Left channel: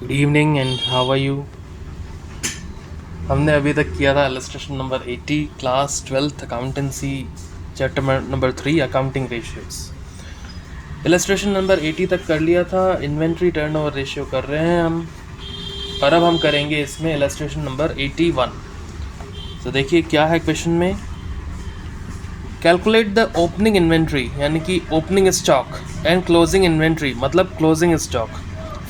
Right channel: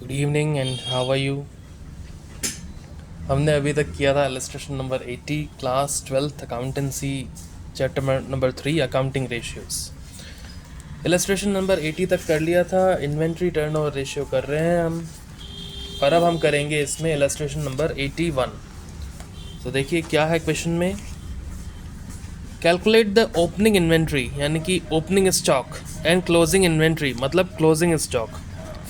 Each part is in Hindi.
Good evening and how are you. हमने अभी तक किया था illustration number 80 class 12th accountancy chapter number 3 accounting ratios. Illustration number 80 तक कर लिया था, इन्वेंट्री टर्नओवर रेशियो कर रहे हैं हम, और अब हम करेंगे इसमें इलस्ट्रेशन नंबर 81। तो देखिए क्या है क्वेश्चन में, कैलकुलेट द ओपनिंग इन्वेंट्री यानी कि opening stock and closing inventory मतलब closing stock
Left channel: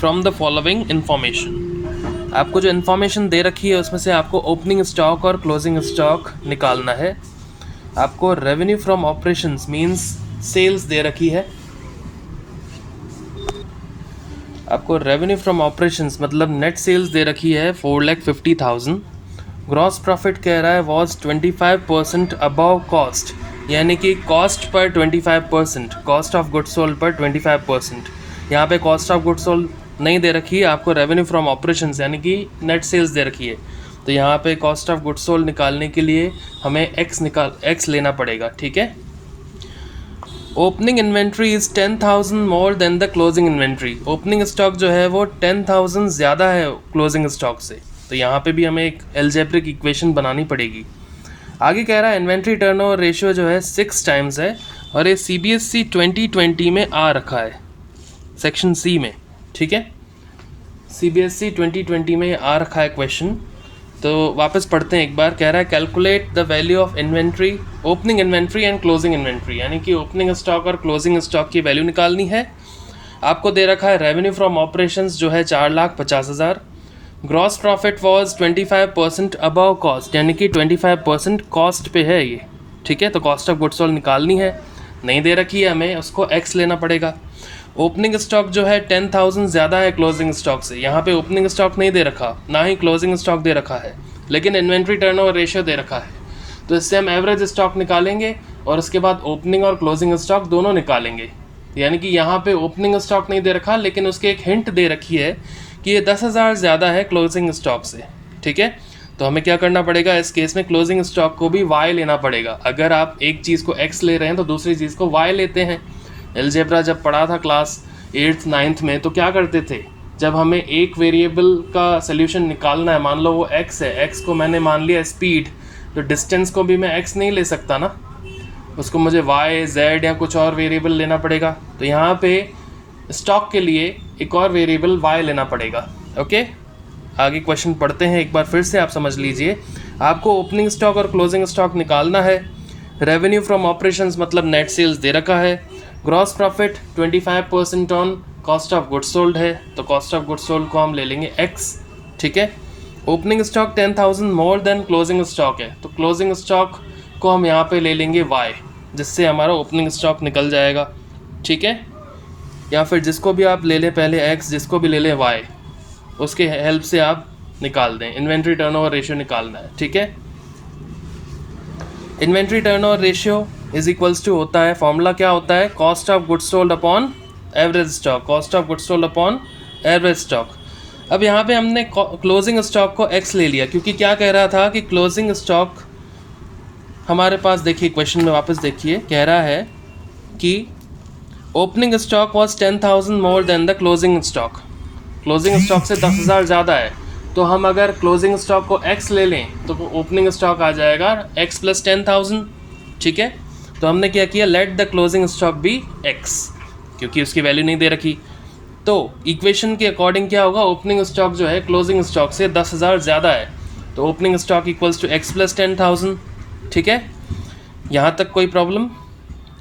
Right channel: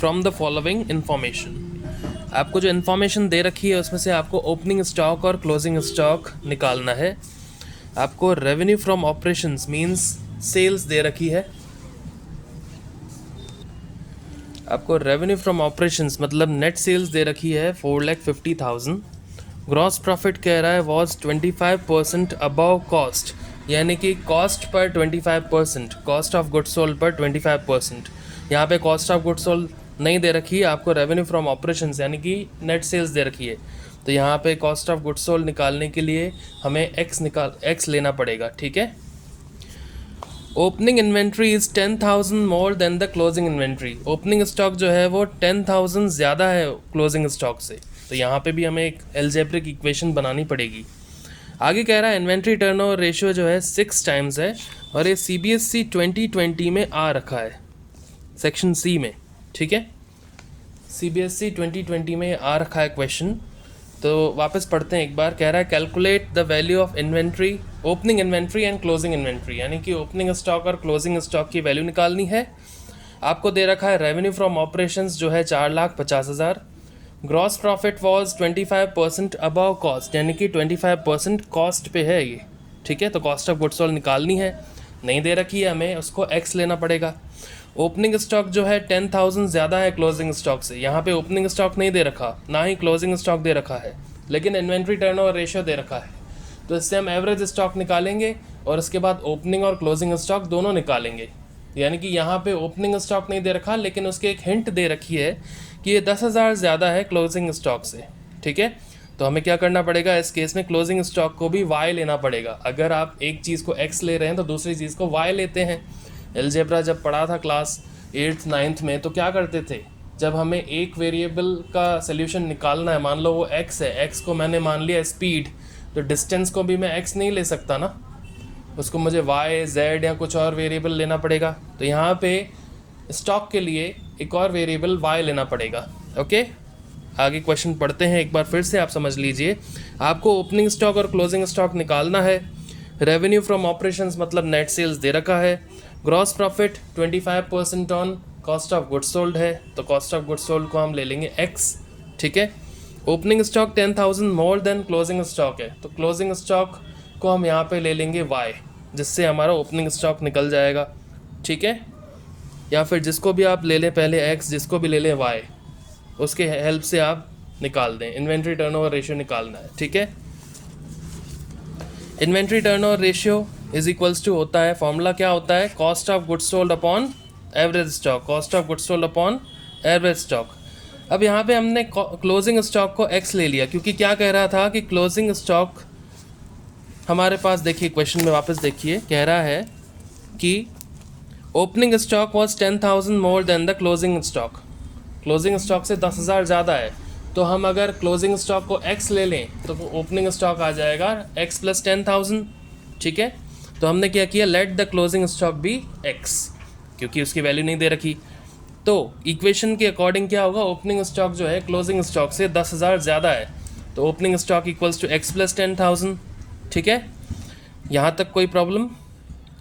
from the following information. आपको जो इन्फॉर्मेशन दे रखी है उसमें से आपको ओपनिंग स्टॉक और क्लोजिंग स्टॉक निकालना है। आपको revenue from operations means sales दे रखी है, आपको रेवेन्यू फ्रॉम ऑपरेशंस मतलब नेट सेल्स दे रखी है 4,50,000। ग्रॉस प्रॉफिट कह रहा है वॉज 25% अबव कॉस्ट, यानी कि cost per 25%, cost of goods sold पर 25%। यहाँ पे कॉस्ट ऑफ गुड्स सोल्ड नहीं दे रखी है, आपको रेवेन्यू फ्रॉम ऑपरेशंस यानी कि नेट सेल्स दे रखी है। तो यहाँ पे कॉस्ट ऑफ गुड्स सोल्ड निकालने के लिए हमें एक्स लेना पड़ेगा, ठीक है। Opening inventory is 10,000 more than the closing inventory. Opening stock जो है वो 10,000 ज़्यादा है क्लोजिंग स्टॉक से, तो यहाँ पे भी हमें एक एल्जेब्रिक इक्वेशन बनानी पड़ेगी। आगे कह रहा है इन्वेंट्री टर्नओवर रेशियो जो है 6 टाइम्स है, और ये CBSE 2020 में आ रखा है सेक्शन सी में, ठीक है। CBSE 2020 में आ रखा है क्वेश्चन। तो वापस पढ़ते हैं एक बार। कह रहा है calculate the value of inventory, opening inventory and closing inventory, यानी कि ओपनिंग स्टॉक और क्लोजिंग स्टॉक की वैल्यू निकालनी है। आपको दे रखा है रेवेन्यू फ्रॉम ऑपरेशंस जो है 4,50,000। Gross profit was 25% above cost, यानी कि 25% कॉस्ट पे है ये, ठीक है। तो कॉस्ट ऑफ गुड्स सोल्ड निकालनी है, नहीं दे रखी है हमें, उसको एक्स लेना पड़ेगा। ओपनिंग स्टॉक जो है 10,000 ज़्यादा है क्लोजिंग स्टॉक से, यहाँ पे ओपनिंग स्टॉक नहीं दे रखा, ना ही क्लोजिंग स्टॉक दे रखा है, लेकिन इन्वेंट्री टर्नओवर रेशियो दे रखा है। तो इससे हम एवरेज स्टॉक निकालेंगे और उसके बाद ओपनिंग और क्लोजिंग स्टॉक दोनों निकालेंगे। यानी कि यहाँ पे ओपनिंग स्टॉक नहीं दे रखा, लेकिन उसके एक हिंट दे रखी है कि ये 10,000 ज़्यादा है क्लोजिंग स्टॉक से, ठीक है। तो हमें क्या करना पड़ेगा, इस केस में क्लोजिंग स्टॉक को भी वाई लेना पड़ेगा। अगर आप एक चीज़ को एक्स ले रहे हैं तो दूसरी चीज़ को वाई लेते हैं। एलजेब्रा जब पढ़ा था क्लास 8th 9th में तो क्या करते थे, जब हमें एक वेरिएबल का सोल्यूशन निकालना है, मान लो वो x है, x को मैंने मान लिया स्पीड, तो डिस्टेंस को भी मैं x नहीं ले सकता ना, उसको मुझे y z या कुछ और वेरिएबल लेना पड़ेगा। तो यहाँ पे स्टॉक के लिए एक और वेरिएबल y लेना पड़ेगा, ओके। आगे क्वेश्चन पढ़ते हैं एक बार फिर से, आप समझ लीजिए। आपको ओपनिंग स्टॉक और क्लोजिंग स्टॉक निकालना है। रेवेन्यू फ्रॉम ऑपरेशंस मतलब नेट सेल्स दे रखा है। Gross profit 25% on cost of goods sold है, तो कॉस्ट ऑफ गुड्स सोल्ड को हम ले लेंगे x, ठीक है। Opening stock 10,000 more than closing stock है, तो क्लोजिंग स्टॉक को हम यहाँ पे ले लेंगे y, जिससे हमारा ओपनिंग स्टॉक निकल जाएगा, ठीक है। या फिर जिसको भी आप ले लें पहले x, जिसको भी ले लें y, उसके हेल्प से आप निकाल दें। इन्वेंट्री टर्नओवर रेशियो निकालना है, ठीक है। Inventory turnover ratio is equals to होता है, फॉर्मूला क्या होता है, cost of goods sold upon average stock, cost of goods sold upon average stock. अब यहाँ पे हमने क्लोजिंग स्टॉक को x ले लिया, क्योंकि क्या कह रहा था कि क्लोजिंग स्टॉक हमारे पास, देखिए क्वेश्चन में वापस देखिए, कह रहा है कि opening stock was 10,000 more than the closing stock, closing stock से 10,000 ज़्यादा है। तो हम अगर क्लोजिंग स्टॉक को x ले लें तो ओपनिंग स्टॉक आ जाएगा x + 10,000, ठीक है। तो हमने क्या किया, लेट द क्लोजिंग स्टॉक भी x, क्योंकि उसकी वैल्यू नहीं दे रखी। तो इक्वेशन के अकॉर्डिंग क्या होगा, ओपनिंग स्टॉक जो है क्लोजिंग स्टॉक से 10,000 ज़्यादा है, तो opening stock equals to x + 10,000, ठीक है। यहाँ तक कोई प्रॉब्लम।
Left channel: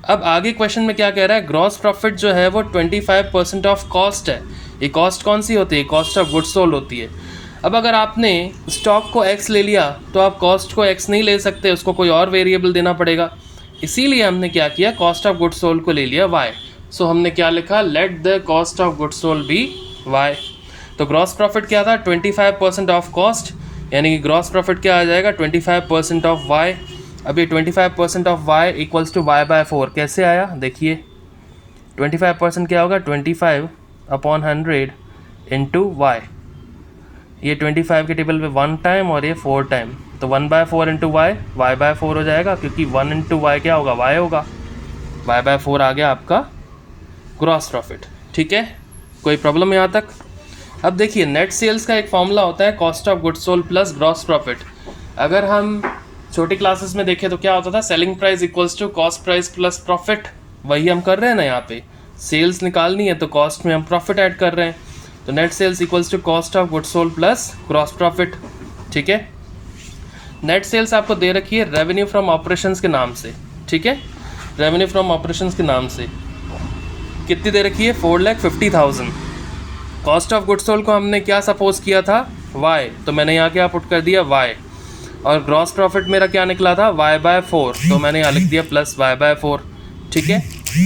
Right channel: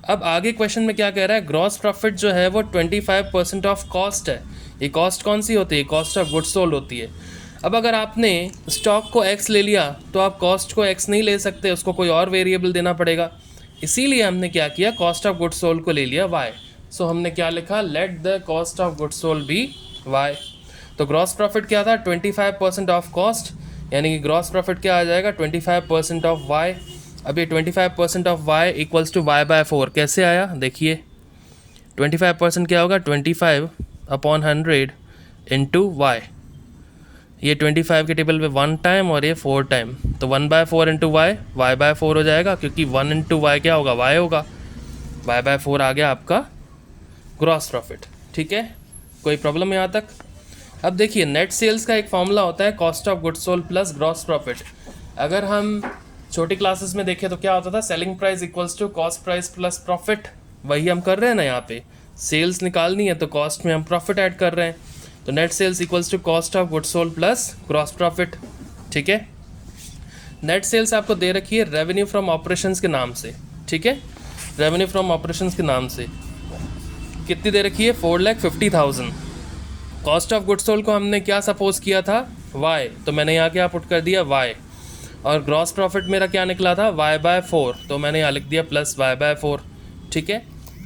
अब आगे क्वेश्चन में क्या कह रहा है, ग्रॉस प्रॉफिट जो है वो 25% ऑफ कॉस्ट है। ये कॉस्ट कौन सी होती है, कॉस्ट ऑफ गुड्स सोल्ड होती है। अब अगर आपने स्टॉक को x ले लिया तो आप कॉस्ट को x नहीं ले सकते, उसको कोई और वेरिएबल देना पड़ेगा। इसीलिए हमने क्या किया, कॉस्ट ऑफ गुड्स सोल्ड को ले लिया y। सो हमने क्या लिखा, let the cost of goods sold be y। तो ग्रॉस प्रॉफिट क्या था, 25% ऑफ कॉस्ट, यानी कि ग्रॉस प्रॉफिट क्या आ जाएगा, 25% ऑफ y। अब ये 25% of y equals to y/4 कैसे आया, देखिए 25% क्या होगा, 25/100 इंटू y। ये 25 के टेबल पे 1 टाइम और ये 4 टाइम, तो 1/4 इंटू y, y/4 हो जाएगा, क्योंकि 1 इंटू y क्या होगा, y होगा, y/4 आ गया आपका ग्रॉस प्रॉफिट, ठीक है। कोई प्रॉब्लम यहाँ तक। अब देखिए नेट सेल्स का एक फॉर्मूला होता है cost of goods sold plus gross profit. अगर हम छोटी क्लासेस में देखें तो क्या होता था, selling price equals to cost price plus profit. वही हम कर रहे हैं ना, यहाँ पे सेल्स निकालनी है तो कॉस्ट में हम प्रॉफिट ऐड कर रहे हैं, तो net sales equals to cost of goods sold plus gross profit. ठीक है, नेट सेल्स आपको दे रखी है रेवेन्यू फ्रॉम ऑपरेशंस के नाम से। ठीक है, रेवेन्यू फ्रॉम ऑपरेशंस के नाम से कितनी दे रखी है, 4,50,000। कॉस्ट ऑफ गुड्स सोल्ड को हमने क्या सपोज किया था, y, तो मैंने यहाँ क्या पुट कर दिया y, और ग्रॉस प्रॉफिट मेरा क्या निकला था y/4, तो मैंने यहाँ लिख दिया प्लस y/4। ठीक है,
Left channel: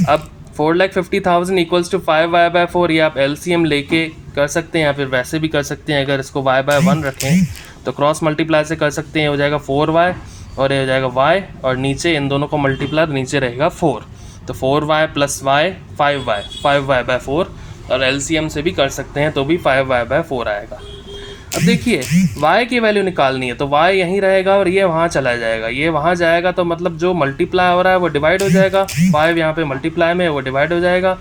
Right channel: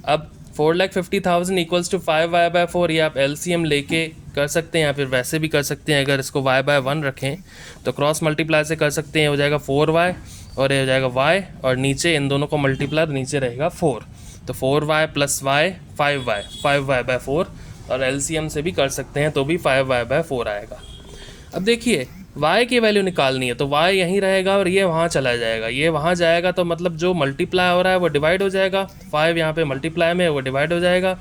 अब 4,50,000 इक्वल्स टू 5y/4, ये आप LCM लेके कर सकते हैं या फिर वैसे भी कर सकते हैं। अगर इसको y/1 रखें तो क्रॉस मल्टीप्लाई से कर सकते हैं, हो जाएगा 4y और ये हो जाएगा y, और नीचे इन दोनों को मल्टीप्लाई नीचे रहेगा 4, तो 4y plus y 5y, 5y/4, और LCM से भी कर सकते हैं तो भी 5y/4 आएगा। अब देखिए y की वैल्यू निकालनी है तो y यहीं रहेगा और ये वहाँ चला जाएगा, ये वहाँ जाएगा, तो मतलब जो मल्टीप्लाई हो रहा है वो डिवाइड हो जाएगा। 5 यहाँ पे मल्टीप्लाई में है वो डिवाइड हो जाएगा,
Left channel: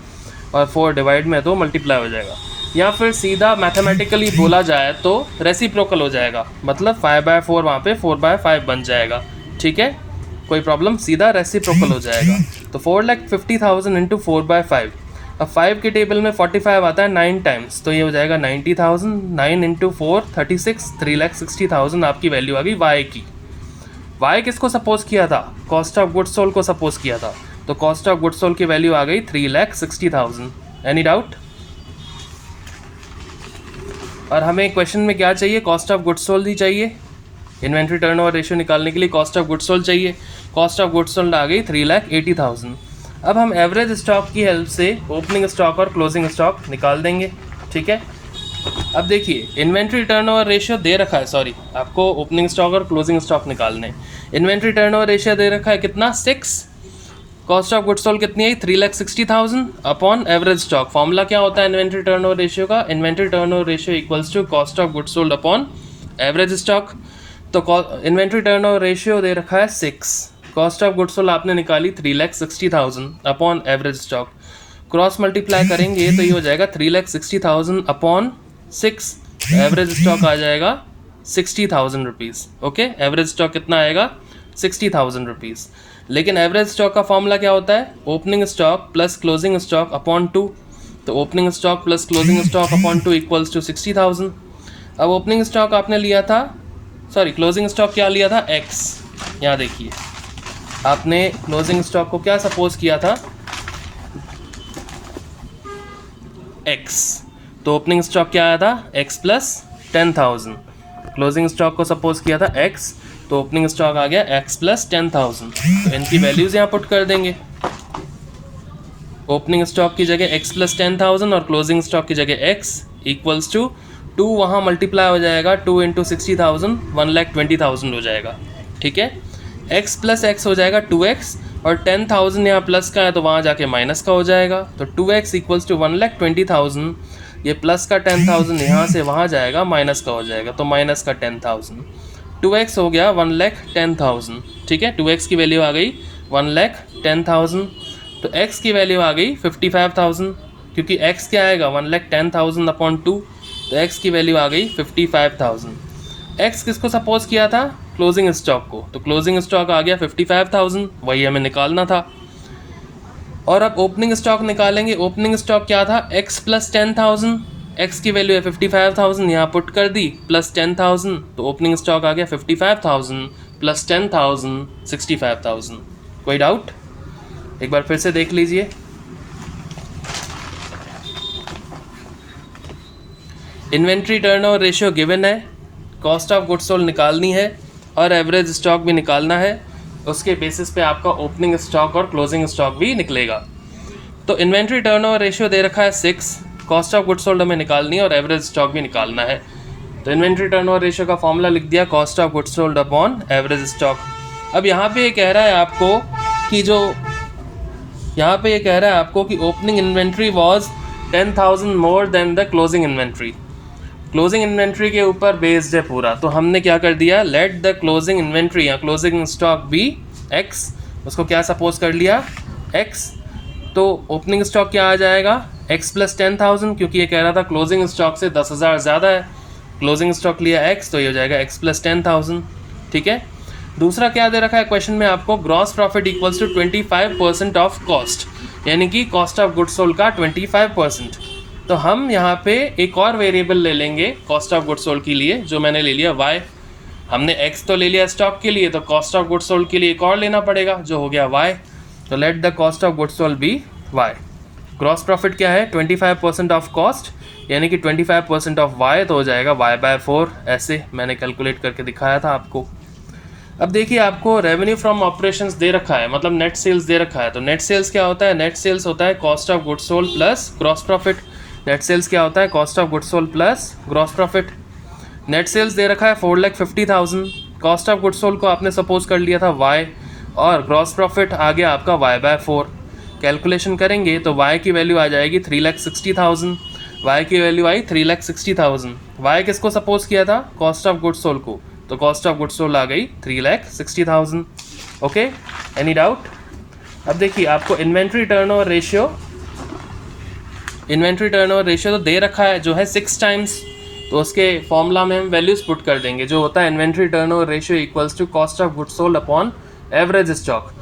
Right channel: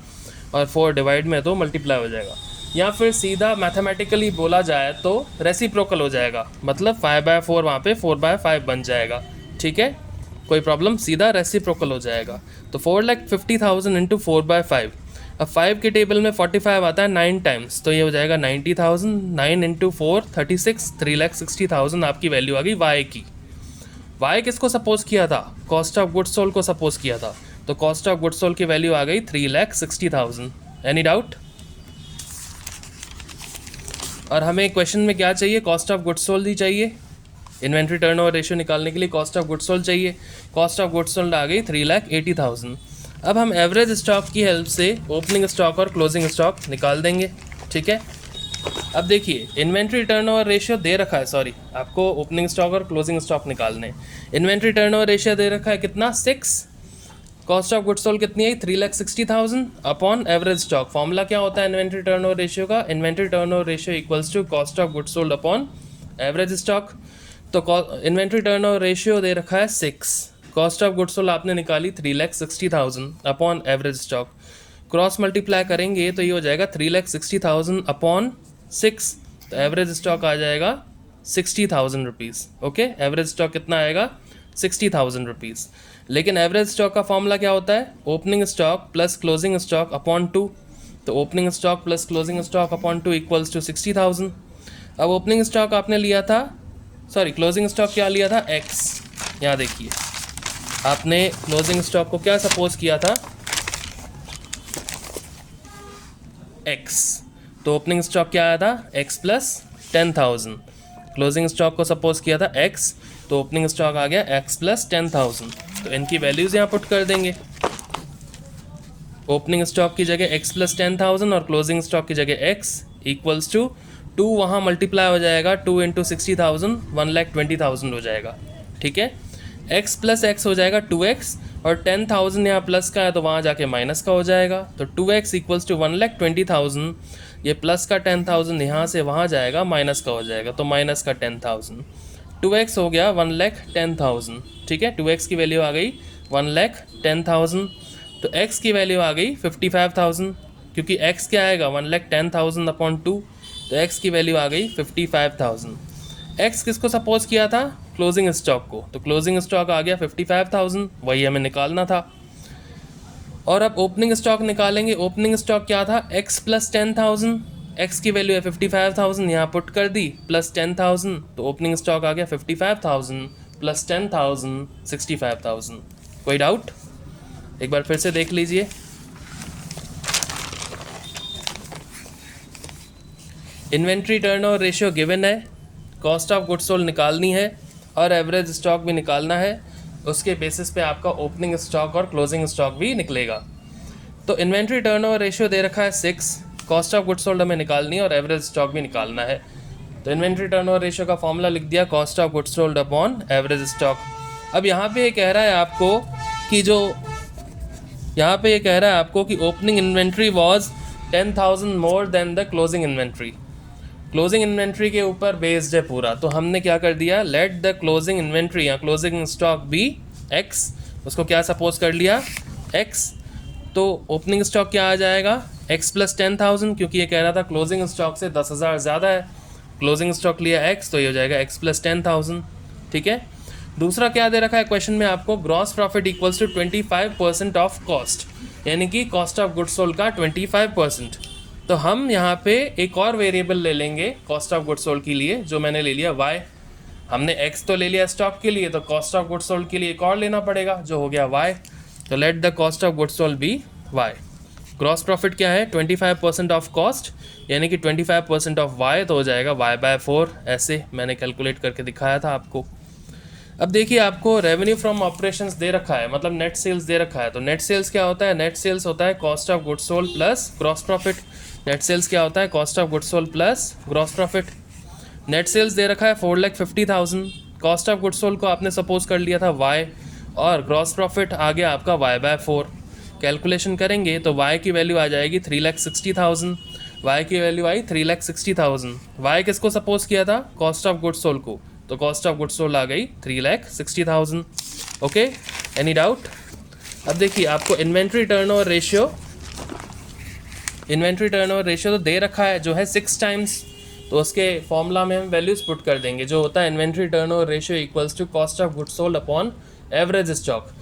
और 4 डिवाइड में है तो मल्टीप्लाई हो जाएगा। या फिर सीधा मैथमेटिकली बोला जाए तो रेसिप्रोकल हो जाएगा, मतलब 5/4 वहाँ पे 4/5 बन जाएगा। ठीक है, कोई प्रॉब्लम, सीधा रेसिप्रोकल हो जाएगा। तो 4,50,000 इंटू 4/5, अब 5 के टेबल में 45 आता है 9 टाइम्स, तो ये हो जाएगा 90,000। 9 इंटू 4 36, 3,60,000 आपकी वैल्यू आ गई y की। y किसको सपोज किया था, कॉस्ट ऑफ गुड्स सोल्ड को सपोज किया था, तो कॉस्ट ऑफ गुड्स सोल्ड की वैल्यू आ गई 3,60,000। Any doubt? और हमें क्वेश्चन में क्या चाहिए, कॉस्ट ऑफ गुड्स सोल्ड ही चाहिए। इन्वेंट्री टर्नओवर रेशियो निकालने के लिए कॉस्ट ऑफ गुड्स सोल्ड चाहिए। कॉस्ट ऑफ गुड्स सोल्ड आ गई 3,80,000। अब हम एवरेज स्टॉक की हेल्प से ओपनिंग स्टॉक और क्लोजिंग स्टॉक निकाल देंगे। ठीक है, अब देखिए इन्वेंट्री टर्नओवर रेशियो दे रखा है, सॉरी आपको ओपनिंग स्टॉक और क्लोजिंग स्टॉक निकालने। इन्वेंट्री टर्नओवर रेशियो दे रखा है कितना, 6। कॉस्ट ऑफ गुड्स सोल्ड कितनी आई, 3,60,000 अपॉन एवरेज स्टॉक। फॉर्मूला क्या होता है इन्वेंट्री टर्नओवर रेशियो का, inventory turnover ratio equals to cost of goods sold upon average stock. तो इन्वेंट्री टर्नओवर रेशियो दे रखा है 6, कॉस्ट ऑफ गुड्स सोल्ड आपने निकाली 3,60,000 upon average stock. Cross multiply करेंगे तो ये हो जाएगा 3,60,000 अपॉन 6, एवरेज स्टॉक आ जाएगा 60,000 रुपीज़। ओके, एवरेज स्टॉक कितना आएगा, 60,000 रुपीज़। लेकिन एवरेज स्टॉक का फॉर्मूला क्या होता है, opening stock plus closing stock upon 2, तो opening stock plus closing stock upon 2 equals to 60,000। अब ओपनिंग स्टॉक आपने लिया था, सॉरी क्लोजिंग स्टॉक क्या लिया था, x। यहाँ देखिए आपने क्लोजिंग स्टॉक को क्या सपोज किया था, x, तो ओपनिंग स्टॉक क्या आया था, x प्लस 10,000। क्लोजिंग स्टॉक को सपोज किया था x, तो ओपनिंग स्टॉक आ गया x प्लस 10,000। तो इनकी वैल्यूज़ यहाँ पुट कर देंगे। ओपनिंग स्टॉक की जगह x प्लस 10,000 और क्लोजिंग स्टॉक की जगह x इक्वल्स टू 2, वहाँ मल्टीप्लाई हो जाएगा 2 इंटू 60,000, 1,20,000 हो जाएगा। ठीक है, x प्लस x हो जाएगा 2x, और 10,000 यहाँ प्लस का है तो वहाँ जाके माइनस का हो जाएगा, तो 2x इक्वल्स टू 1,20,000। ये प्लस का 10,000 यहाँ से वहाँ जाएगा, माइनस का हो जाएगा, तो माइनस का 10,000। 2x हो गया 1,10,000। ठीक है, 2x की वैल्यू आ गई 1,10,000, तो x की वैल्यू आ गई 55,000, क्योंकि x क्या आएगा 1,10,000 अपॉन 2, तो x की वैल्यू आ गई 55,000। x किसको सपोज किया था, क्लोजिंग स्टॉक को, तो क्लोजिंग स्टॉक आ गया 55,000, वही हमें निकालना था। और अब ओपनिंग स्टॉक निकालेंगे। ओपनिंग स्टॉक क्या था, x प्लस 10,000, x की वैल्यू है 55,000, यहाँ पुट कर दी प्लस 10,000, तो ओपनिंग स्टॉक आ गया 55,000 प्लस 10,000 65,000। कोई डाउट, एक बार फिर से देख लीजिए। इन्वेंट्री टर्नओवर रेशियो गिवन है, कॉस्ट ऑफ गुड्स सोल्ड निकालनी है और एवरेज स्टॉक भी निकालना है। उसके बेसिस पे आपका ओपनिंग स्टॉक और क्लोजिंग स्टॉक भी निकलेगा। तो इन्वेंट्री टर्नओवर रेशियो दे रखा है 6, कॉस्ट ऑफ गुड्स सोल्ड हमें निकालनी है और एवरेज स्टॉक भी निकालना है। तो इन्वेंट्री टर्नओवर रेशियो का फॉर्मूला लिख दिया, cost of goods sold upon average stock. अब यहाँ पे ये कह रहा है आपको कि कि opening inventory was 10,000 more than the closing inventory. Closing inventory के ऊपर बेस्ड है पूरा, तो हमने क्या कर दिया, लेट द क्लोजिंग इन्वेंट्री या क्लोजिंग स्टॉक बी x, उसको क्या सपोज कर लिया, x। तो ओपनिंग स्टॉक क्या आ जाएगा, x प्लस 10,000, क्योंकि ये कह रहा था क्लोजिंग स्टॉक से 10,000 ज़्यादा है, क्लोजिंग स्टॉक लिया x, तो ये हो जाएगा x प्लस 10,000। ठीक है। दूसरा क्या दे रखा है क्वेश्चन में आपको, gross profit equals to 25% of cost, यानी कि कॉस्ट ऑफ गुड्स सोल्ड का 25%। तो हम यहाँ पे एक और वेरिएबल ले लेंगे कॉस्ट ऑफ गुड्स सोल्ड के लिए, जो मैंने ले लिया y। हमने x तो ले लिया स्टॉक के लिए, तो कॉस्ट ऑफ गुड्स सोल्ड के लिए एक और लेना पड़ेगा, जो हो गया y। तो let the cost of goods sold be y। Gross profit क्या है, 25% ऑफ कॉस्ट, यानी कि 25% ऑफ y, तो हो जाएगा y/4। ऐसे मैंने कैलकुलेट करके दिखाया था आपको। अब देखिए आपको रेवेन्यू फ्रॉम ऑपरेशंस दे रखा है, मतलब नेट सेल्स दे रखा है। तो नेट सेल्स क्या होता है, नेट सेल्स होता है cost of goods sold plus gross profit. Net sales क्या होता है, cost of goods sold plus gross profit. Net sales दे रखा है 4,50,000, कॉस्ट ऑफ गुड्स सोल्ड को आपने सपोज कर लिया था y, और ग्रॉस प्रॉफिट आ गया आपका y/4। कैलकुलेशन करेंगे तो y की वैल्यू आ जाएगी 3,60,000, y की वैल्यू आई 3,60,000। y किसको सपोज किया था, कॉस्ट ऑफ गुड्स सोल्ड को, तो कॉस्ट ऑफ गुड्स सोल्ड आ गई 3,60,000। Okay, any doubt? अब देखिए आपको inventory turnover ratio, inventory turnover ratio तो दे रखा है जो है 6 टाइम्स, तो उसके फॉर्मूला में हम वैल्यूज पुट कर देंगे, जो होता है inventory turnover ratio equals to cost of goods sold upon average stock.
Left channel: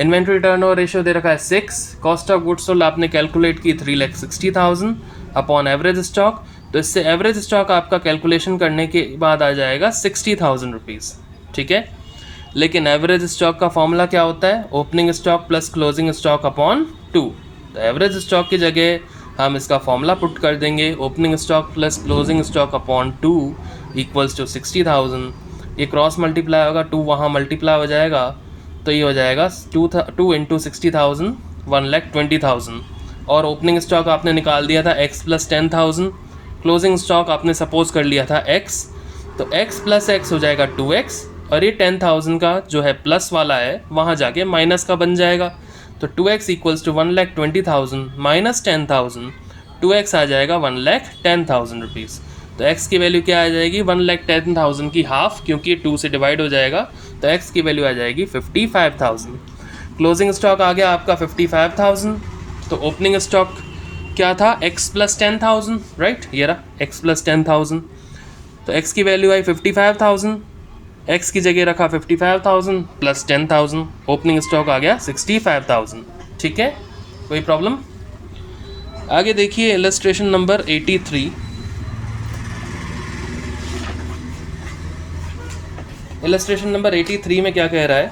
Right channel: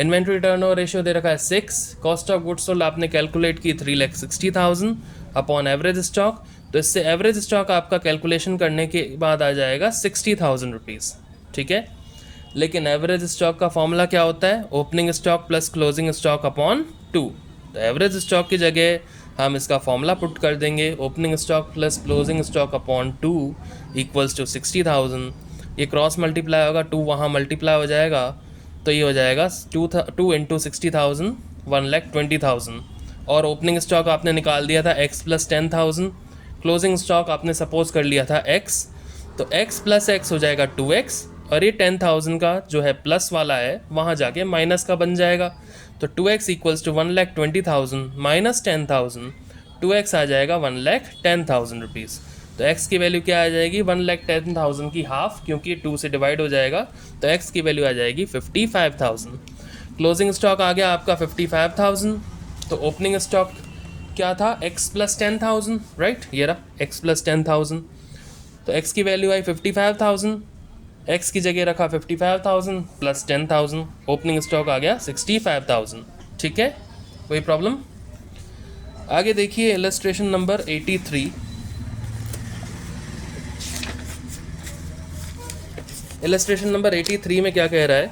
Inventory turnover ratio दे रखा है 6, कॉस्ट ऑफ गुड्स सोल्ड आपने कैलकुलेट की 3,60,000 अपॉन एवरेज स्टॉक, तो इससे एवरेज स्टॉक आपका कैलकुलेशन करने के बाद आ जाएगा 60,000 रुपीज़। ठीक है, लेकिन एवरेज स्टॉक का फॉर्मूला क्या होता है, opening stock plus closing stock upon 2। तो एवरेज स्टॉक की जगह हम इसका फॉर्मूला पुट कर देंगे, opening stock plus closing stock upon 2 equals to 60,000। ये क्रॉस मल्टीप्लाई होगा, 2 वहाँ मल्टीप्लाई हो जाएगा, तो ये हो जाएगा 2 इंटू 60,000 1,20,000। और ओपनिंग स्टॉक आपने निकाल दिया था x प्लस 10,000, क्लोजिंग स्टॉक आपने सपोज कर लिया था x, तो x प्लस x हो जाएगा 2x, और ये 10,000 का जो है प्लस वाला है वहाँ जाके माइनस का बन जाएगा, तो 2x equals to 1,20,000 minus 10,000, 2x आ जाएगा 1,10,000 रुपीज़। तो x की वैल्यू क्या आ जाएगी, 1,10,000 की हाफ, क्योंकि ये 2 से डिवाइड हो जाएगा, तो x की वैल्यू आ जाएगी 55,000। क्लोजिंग स्टॉक आ गया आपका 55,000, तो ओपनिंग स्टॉक क्या था, x प्लस 10,000, राइट, ये रहा x प्लस 10,000, तो x की वैल्यू आई 55,000, x की जगह रखा 55,000 प्लस 10,000, ओपनिंग स्टॉक आ गया 65,000। ठीक है, कोई प्रॉब्लम? आगे देखिए इलस्ट्रेशन नंबर 83। इलस्ट्रेशन नंबर 83 में क्या कह रहा है,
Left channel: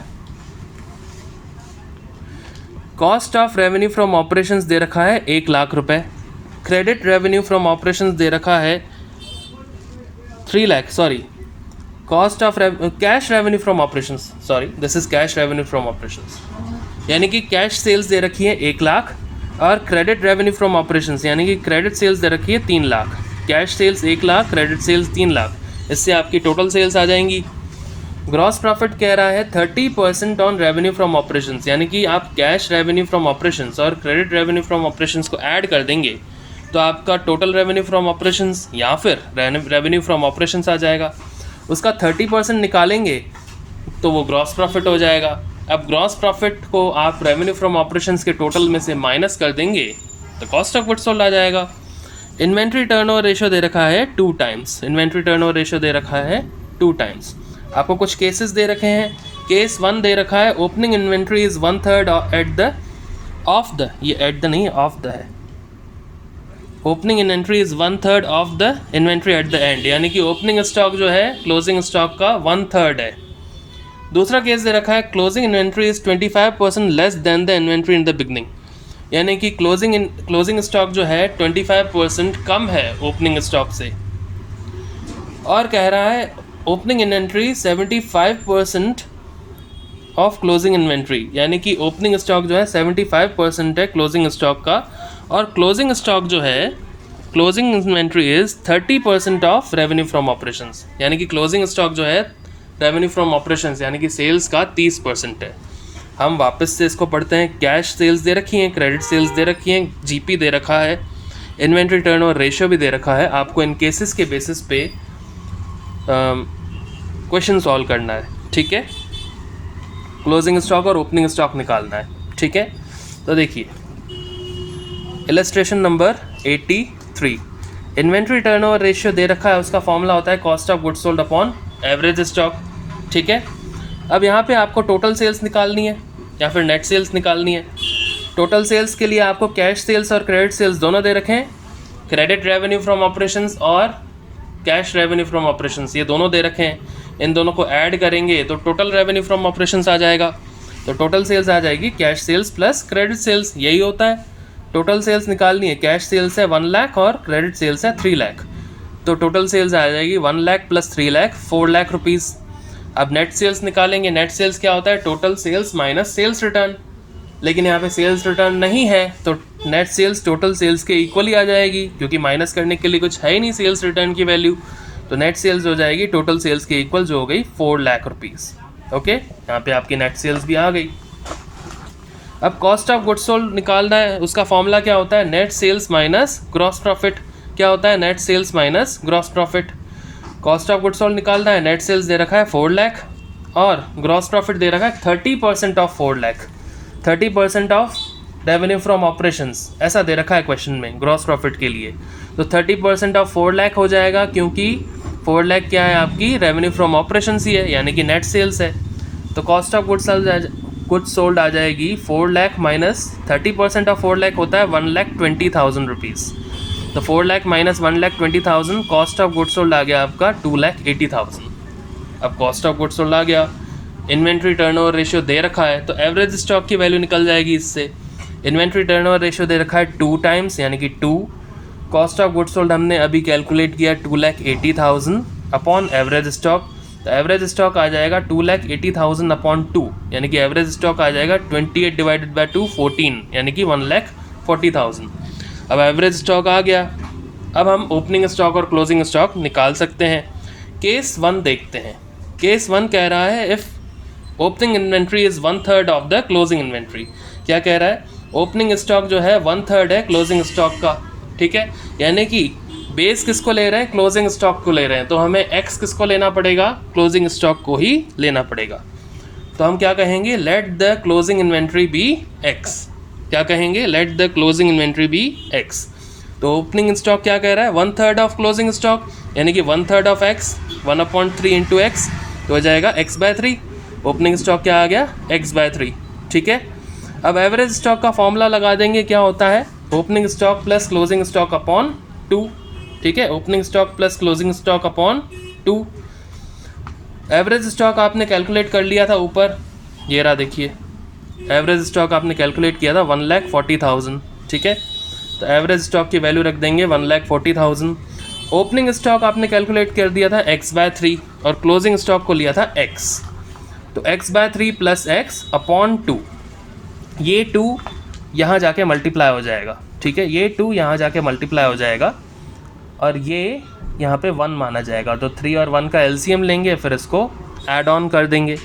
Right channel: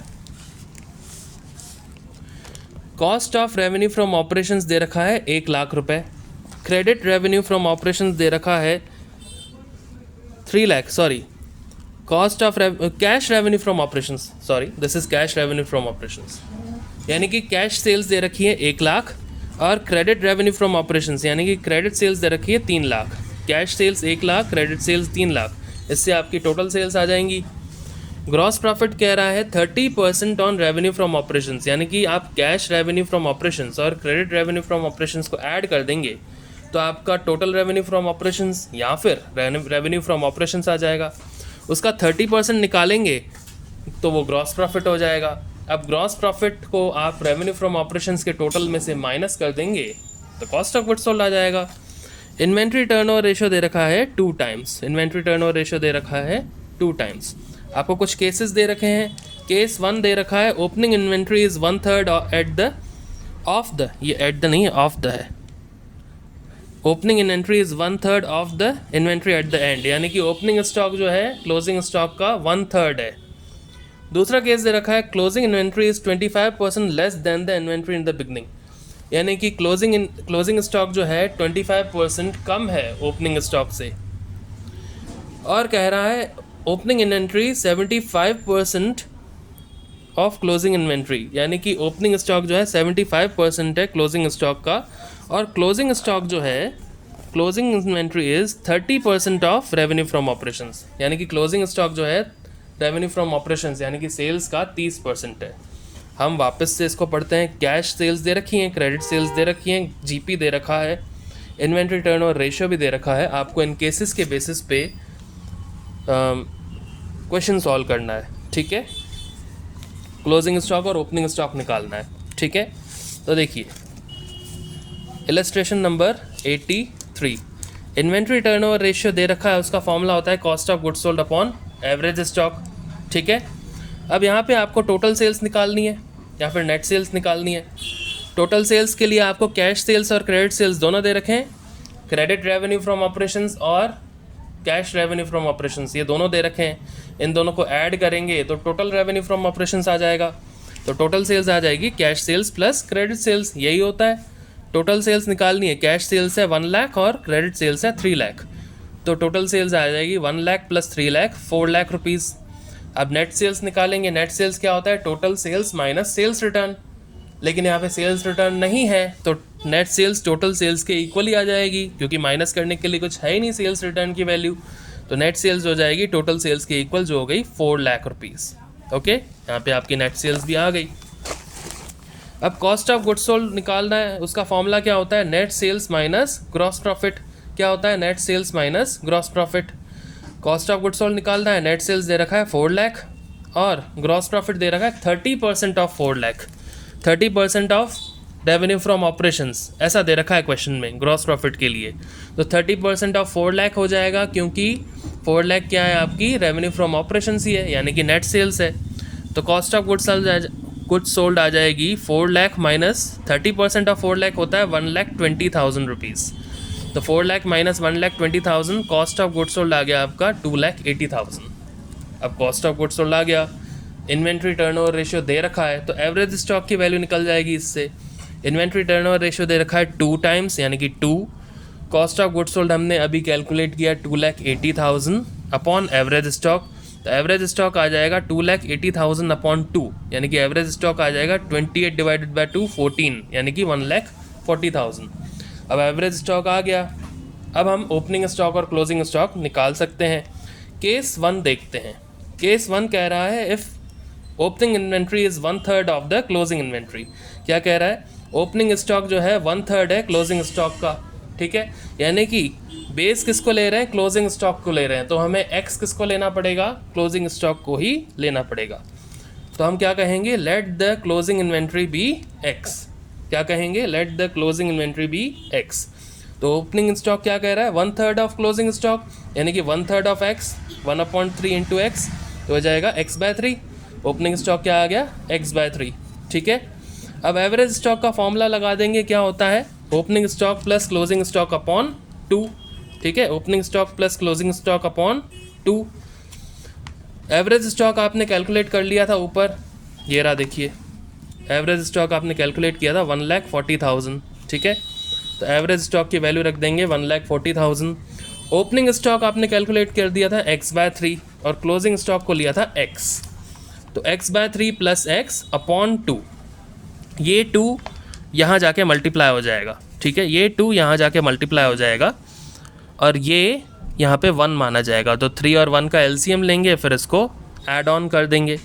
cost of revenue from operations दे रखा है 1 लाख रुपए, क्रेडिट रेवेन्यू फ्रॉम ऑपरेशंस दे रखा है 3 lakh, sorry, cost of cash revenue from operations, sorry this is cash revenue from operations, यानी कि कैश सेल्स दे रखी है 1 लाख, और क्रेडिट रेवेन्यू फ्रॉम ऑपरेशंस यानी कि क्रेडिट सेल्स दे रखी है 3 lakh. Cash sales 1 lakh, credit sales 3 lakh, इससे आपकी टोटल सेल्स आ जाएंगी। ग्रॉस प्रॉफिट कह रहा है 30% ऑन रेवेन्यू फ्रॉम ऑपरेशंस, यानी कि आप कैश रेवेन्यू फ्रॉम ऑपरेशंस और क्रेडिट रेवेन्यू फ्रॉम ऑपरेशंस को ऐड कर देंगे, तो आपका टोटल रेवेन्यू फ्रॉम ऑपरेशंस या फिर रेवेन्यू फ्रॉम ऑपरेशंस आ जाएगा। उसका 30% निकालेंगे तो वो ग्रॉस प्रॉफिट हो जाएगा। अब ग्रॉस प्रॉफिट को आप रेवेन्यू फ्रॉम ऑपरेशंस के टोटल में से माइनस कर देंगे तो कॉस्ट ऑफ गुड्स सोल्ड आ जाएगा। इन्वेंट्री टर्नओवर रेशियो दे रखा है 2 टाइम्स, इन्वेंट्री टर्नओवर रेशियो दे रखा है 2 टाइम्स। आपको कुछ केसेस दे रखे हैं, केस 1 दे रखा है opening inventory is 1/3 at the of the, ये एट द नहीं ऑफ द है, opening inventory is 1/3 of the inventory at the end, यानी कि ओपनिंग स्टॉक जो है क्लोजिंग स्टॉक का 1/3 है। दूसरा केस दे रखा है closing inventory is 25% less than the inventory in the beginning, यानी कि क्लोजिंग स्टॉक जो है 25% कम है ओपनिंग स्टॉक से, और कह रहा है opening inventory 75% of closing inventory, यानी कि ओपनिंग स्टॉक जो है 75% है क्लोजिंग स्टॉक का, और क्लोजिंग स्टॉक जो है closing inventory is 30% of revenue from operations, यानी कि क्लोजिंग स्टॉक जो है रेवेन्यू फ्रॉम ऑपरेशंस यानी कि सेल्स का 30% है। हम वापस से इसको पढ़ते हैं, कैश सेल्स दे रखी हैं, क्रेडिट सेल्स दे रखी हैं, जीपी दे रखा है, इन्वेंट्री टर्नओवर रेशियो भी दे रखा है। आपको इन केसेस के बेसिस पे क्वेश्चन सॉल्व करना है, ठीक है, क्लोजिंग स्टॉक और ओपनिंग स्टॉक निकालना है, ठीक है। तो देखिए illustration number 83, inventory turnover ratio दे रखा है, उसका फॉर्मूला होता है cost of goods sold upon average stock. ठीक है, अब यहाँ पे आपको टोटल सेल्स निकालनी है या फिर नेट सेल्स निकालनी है। टोटल सेल्स के लिए आपको कैश सेल्स और क्रेडिट सेल्स दोनों दे रखे हैं, क्रेडिट रेवेन्यू फ्रॉम ऑपरेशंस और कैश रेवेन्यू फ्रॉम ऑपरेशंस, ये दोनों दे रखे हैं। इन दोनों को ऐड करेंगे तो टोटल रेवेन्यू फ्रॉम ऑपरेशंस आ जाएगा। तो टोटल सेल्स आ जाएगी cash sales plus credit sales, यही होता है। टोटल सेल्स निकालनी है, कैश सेल्स है 1 लाख और क्रेडिट सेल्स है 3 लाख, तो टोटल सेल्स आ जाएगी 1 लाख प्लस 3 लाख 4 लाख रुपीज़। अब नेट सेल्स निकालेंगे, नेट सेल्स क्या होता है, total sales minus sales return, लेकिन यहाँ पे सेल्स रिटर्न नहीं है तो नेट सेल्स टोटल सेल्स के इक्वली आ जाएगी, क्योंकि माइनस करने के लिए कुछ है ही नहीं सेल्स रिटर्न की वैल्यू। तो नेट सेल्स हो जाएगी टोटल सेल्स के इक्वल, जो हो गई 4 लाख रुपीज़। ओके, यहाँ पे आपकी नेट सेल्स भी आ गई। अब कॉस्ट ऑफ गुड्स सोल्ड निकालना है, उसका फॉर्मूला क्या होता है, net sales minus gross profit. क्या होता है, net sales minus gross profit. Cost of goods sold निकालना है, नेट सेल्स दे रखा है 4 लाख और ग्रॉस प्रॉफिट दे रखा है 30% of 4 lakh, 30% of revenue from operations, ऐसा दे रखा है क्वेश्चन में ग्रॉस प्रॉफिट के लिए। तो 30% ऑफ 4 लाख हो जाएगा, क्योंकि 4 लाख क्या है आपकी रेवेन्यू फ्रॉम ऑपरेशंस ही है, यानी कि नेट सेल्स है। तो कॉस्ट ऑफ गुड्स सोल्ड आ जाएगी 4 लाख माइनस 30% ऑफ 4 लाख होता है 1,20,000 रुपीज़। तो 4 lakh minus 1,20,000, cost of goods sold आ गया आपका 2,80,000। अब कॉस्ट ऑफ गुड्स सोल्ड आ गया, इन्वेंट्री टर्नओवर रेशियो दे रखा है, तो एवरेज स्टॉक की वैल्यू निकल जाएगी इससे। इन्वेंट्री टर्नओवर रेशियो दे रखा है 2 टाइम्स, यानी कि 2। कॉस्ट ऑफ गुड्स सोल्ड हमने अभी कैलकुलेट किया 2,80,000 अपॉन एवरेज स्टॉक, तो एवरेज स्टॉक आ जाएगा 2,80,000 अपॉन 2, यानी कि एवरेज स्टॉक आ जाएगा 28 डिवाइडेड बाई 2 14, यानी कि 1,40,000। अब एवरेज स्टॉक आ गया। अब हम ओपनिंग स्टॉक और क्लोजिंग स्टॉक निकाल सकते हैं। केस 1 देखते हैं। केस 1 कह रहा है if opening inventory is 1/3 of the closing inventory. क्या कह रहा है, ओपनिंग स्टॉक जो है 1/3 है क्लोजिंग स्टॉक का। ठीक है, यानी कि बेस किसको ले रहे हैं, क्लोजिंग स्टॉक को ले रहे हैं, तो हमें एक्स किसको लेना पड़ेगा, क्लोजिंग स्टॉक को ही लेना पड़ेगा। तो हम क्या कहेंगे, let the closing inventory be x. क्या कहेंगे, let the closing inventory be x. तो ओपनिंग स्टॉक क्या कह रहा है, 1/3 ऑफ क्लोजिंग स्टॉक, यानी कि 1/3 ऑफ एक्स, 1/3 इंटू एक्स, तो हो जाएगा x/3। ओपनिंग स्टॉक क्या आ गया, x/3। ठीक है, अब एवरेज स्टॉक का फॉर्मूला लगा देंगे, क्या होता है, opening stock plus closing stock upon 2। ठीक है, opening stock plus closing stock upon 2। Average stock आपने कैलकुलेट कर लिया था ऊपर, ये रहा देखिए, एवरेज स्टॉक आपने कैलकुलेट किया था 1,40,000। ठीक है, तो एवरेज स्टॉक की वैल्यू रख देंगे 1,40,000। ओपनिंग स्टॉक आपने कैलकुलेट कर दिया था x/3 और क्लोजिंग स्टॉक को लिया था x, तो x/3 प्लस x अपॉन 2। ये 2 यहाँ जाके मल्टीप्लाई हो जाएगा। ठीक है, ये 2 यहाँ जाके मल्टीप्लाई हो जाएगा और ये यहाँ पे 1 माना जाएगा, तो 3 और 1 का एलसीएम लेंगे, फिर इसको ऐड ऑन कर देंगे।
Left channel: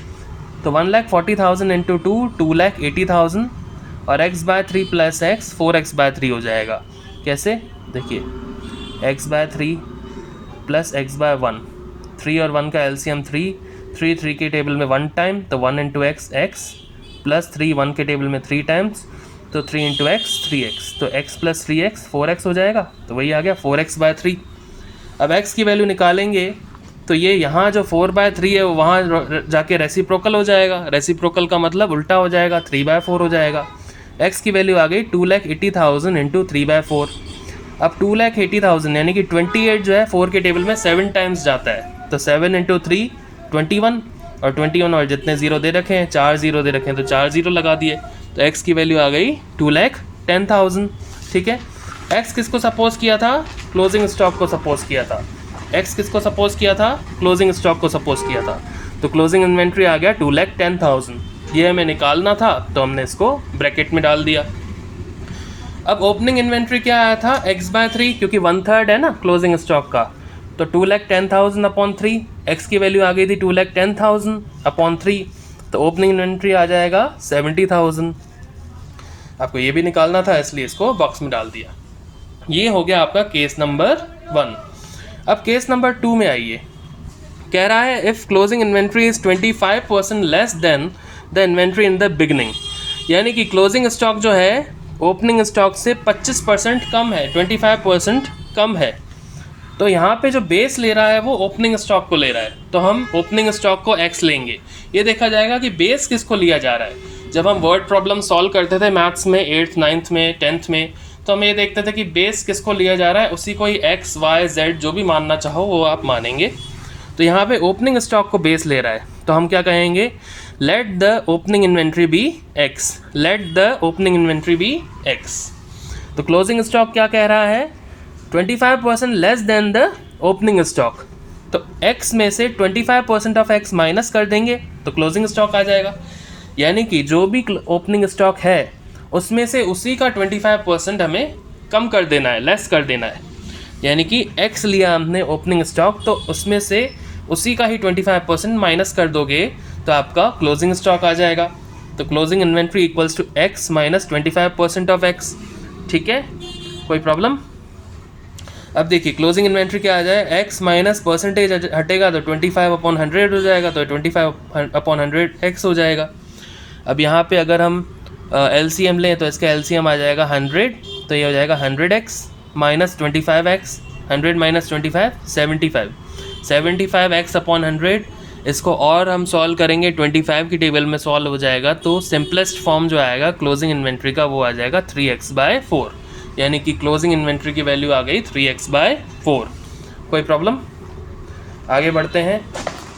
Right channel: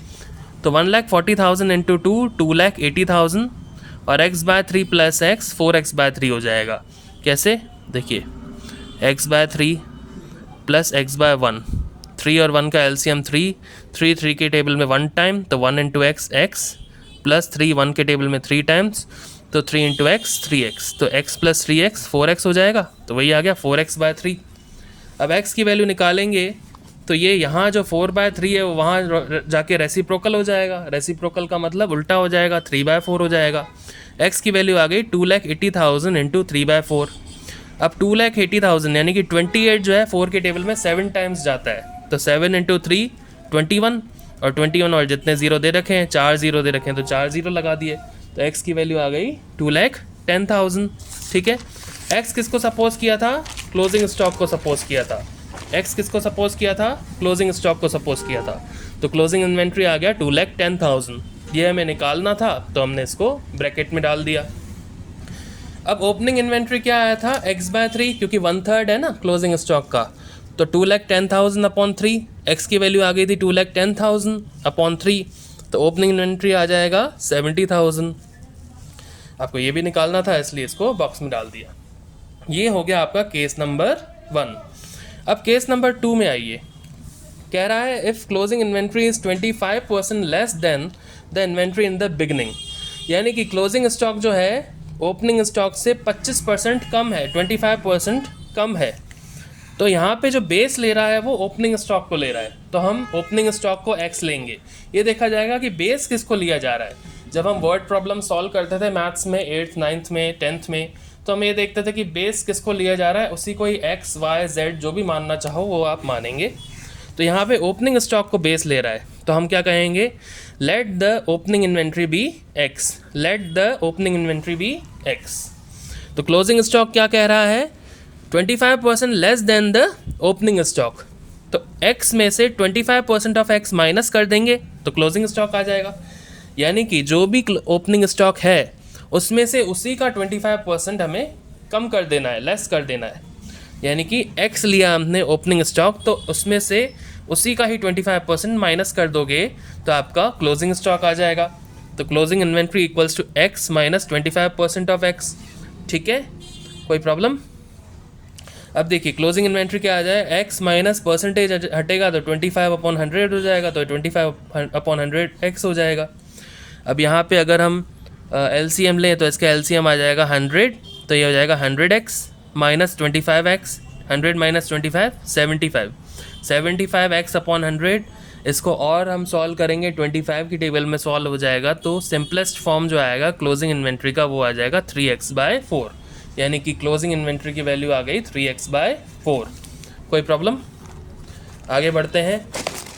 तो 1,40,000 इंटू 2 2,80,000 और x/3 प्लस x 4x/3 हो जाएगा। कैसे, देखिए x/3 प्लस x/1, 3 और 1 का एलसीएम 3, 3 के टेबल में 1 टाइम, तो 1 इंटू एक्स एक्स, प्लस 3 1 के टेबल में 3 टाइम्स, तो 3 इंटू एक्स 3x, तो x प्लस 3x 4x हो जाएगा, तो वही आ गया 4x/3। अब x की वैल्यू निकालेंगे तो ये यहाँ जो 4/3 है वो वहाँ जाके रेसिप्रोकल हो जाएगा, रेसिप्रोकल का मतलब उल्टा हो जाएगा, 3/4 हो जाएगा। x की वैल्यू आ गई 2,80,000 इंटू 3/4। अब 2,80,000 यानी कि 28 जो है 4 के टेबल में 7 टाइम्स जाता है, तो 7 इंटू 3 21, और 21 और जितने ज़ीरो दे रखे हैं, 4 ज़ीरो दे रखे हैं, तो 4 ज़ीरो लगा दिए, तो x की वैल्यू आ गई 2,10,000। ठीक है, x किसको सपोज किया था, क्लोजिंग स्टॉक को सपोज किया था। x किसको सपोज किया था, क्लोजिंग स्टॉक को सपोज किया था, तो क्लोजिंग इन्वेंट्री आ गया 2,10,000। ये हमें निकालना था, तो हमने इसको ब्रैकेट में डाल दिया। अब ओपनिंग इन्वेंट्री क्या आया था, x/3, क्योंकि 1/3 है ना क्लोजिंग स्टॉक का, तो 2,10,000 अपॉन 3, x की वैल्यू आ गई थी 2,10,000 अपॉन 3, तो ओपनिंग इन्वेंट्री आ जाएगा 70,000। आपको ये भी निकालना था, इसलिए इसको बॉक्स में डाल दिया। ये हो गया आपका केस नंबर 1। अब केस नंबर 2 में आइए, कह रहा है if closing inventory is 25% less than the inventory in the beginning, यानी कि क्लोजिंग स्टॉक जो है ओपनिंग स्टॉक से 25% कम है, 25% कम है। तो यहाँ पे जो बेस ले रहा है वो ओपनिंग स्टॉक को ले रहा है, तो हम ओपनिंग स्टॉक को x लेंगे। ये देखा जाएगा कि बेस किसको लिया जा रहा है। जब हम वर्ड प्रॉब्लम सॉल्व करते थे मैथ्स में 8th 9th में 10th में, तो हम ये देखते थे कि बेस किसको लिया जा रहा है, उसी को ही x y z जो भी मानना चाहो वो आप मानेंगे। तो यहाँ पे ओपनिंग स्टॉक को बेस ले रहा है, तो हम क्या कहेंगे, let the opening inventory be x, let the opening inventory be x। तो क्लोजिंग स्टॉक क्या कह रहा है, 25% less than the opening stock. तो x में से 25% ऑफ x माइनस कर देंगे तो क्लोजिंग स्टॉक आ जाएगा। यानी कि जो भी ओपनिंग स्टॉक है उसमें से उसी का 25% हमें कम कर देना है, लेस कर देना है। यानी कि x लिया हमने ओपनिंग स्टॉक, तो उसमें से उसी का ही 25% माइनस कर दोगे तो आपका क्लोजिंग स्टॉक आ जाएगा। तो closing inventory equals to x minus 25% of x। ठीक है, कोई प्रॉब्लम? अब देखिए क्लोजिंग इन्वेंट्री क्या आ जाए, x माइनस परसेंटेज हटेगा तो 25/100 हो जाएगा, तो 25/100 x हो जाएगा। अब यहाँ पे अगर हम LCM लें तो इसका LCM आ जाएगा 100, तो ये हो जाएगा 100x minus 25x, 100 minus 25 75, 75x/100। इसको और हम सॉल्व करेंगे 25 की टेबल में सॉल्व हो जाएगा, तो सिंपलेस्ट फॉर्म जो आएगा क्लोजिंग इन्वेंट्री का वो आ जाएगा 3x/4। यानी कि क्लोजिंग इन्वेंट्री की वैल्यू आ गई 3x/4। कोई प्रॉब्लम? आगे बढ़ते हैं।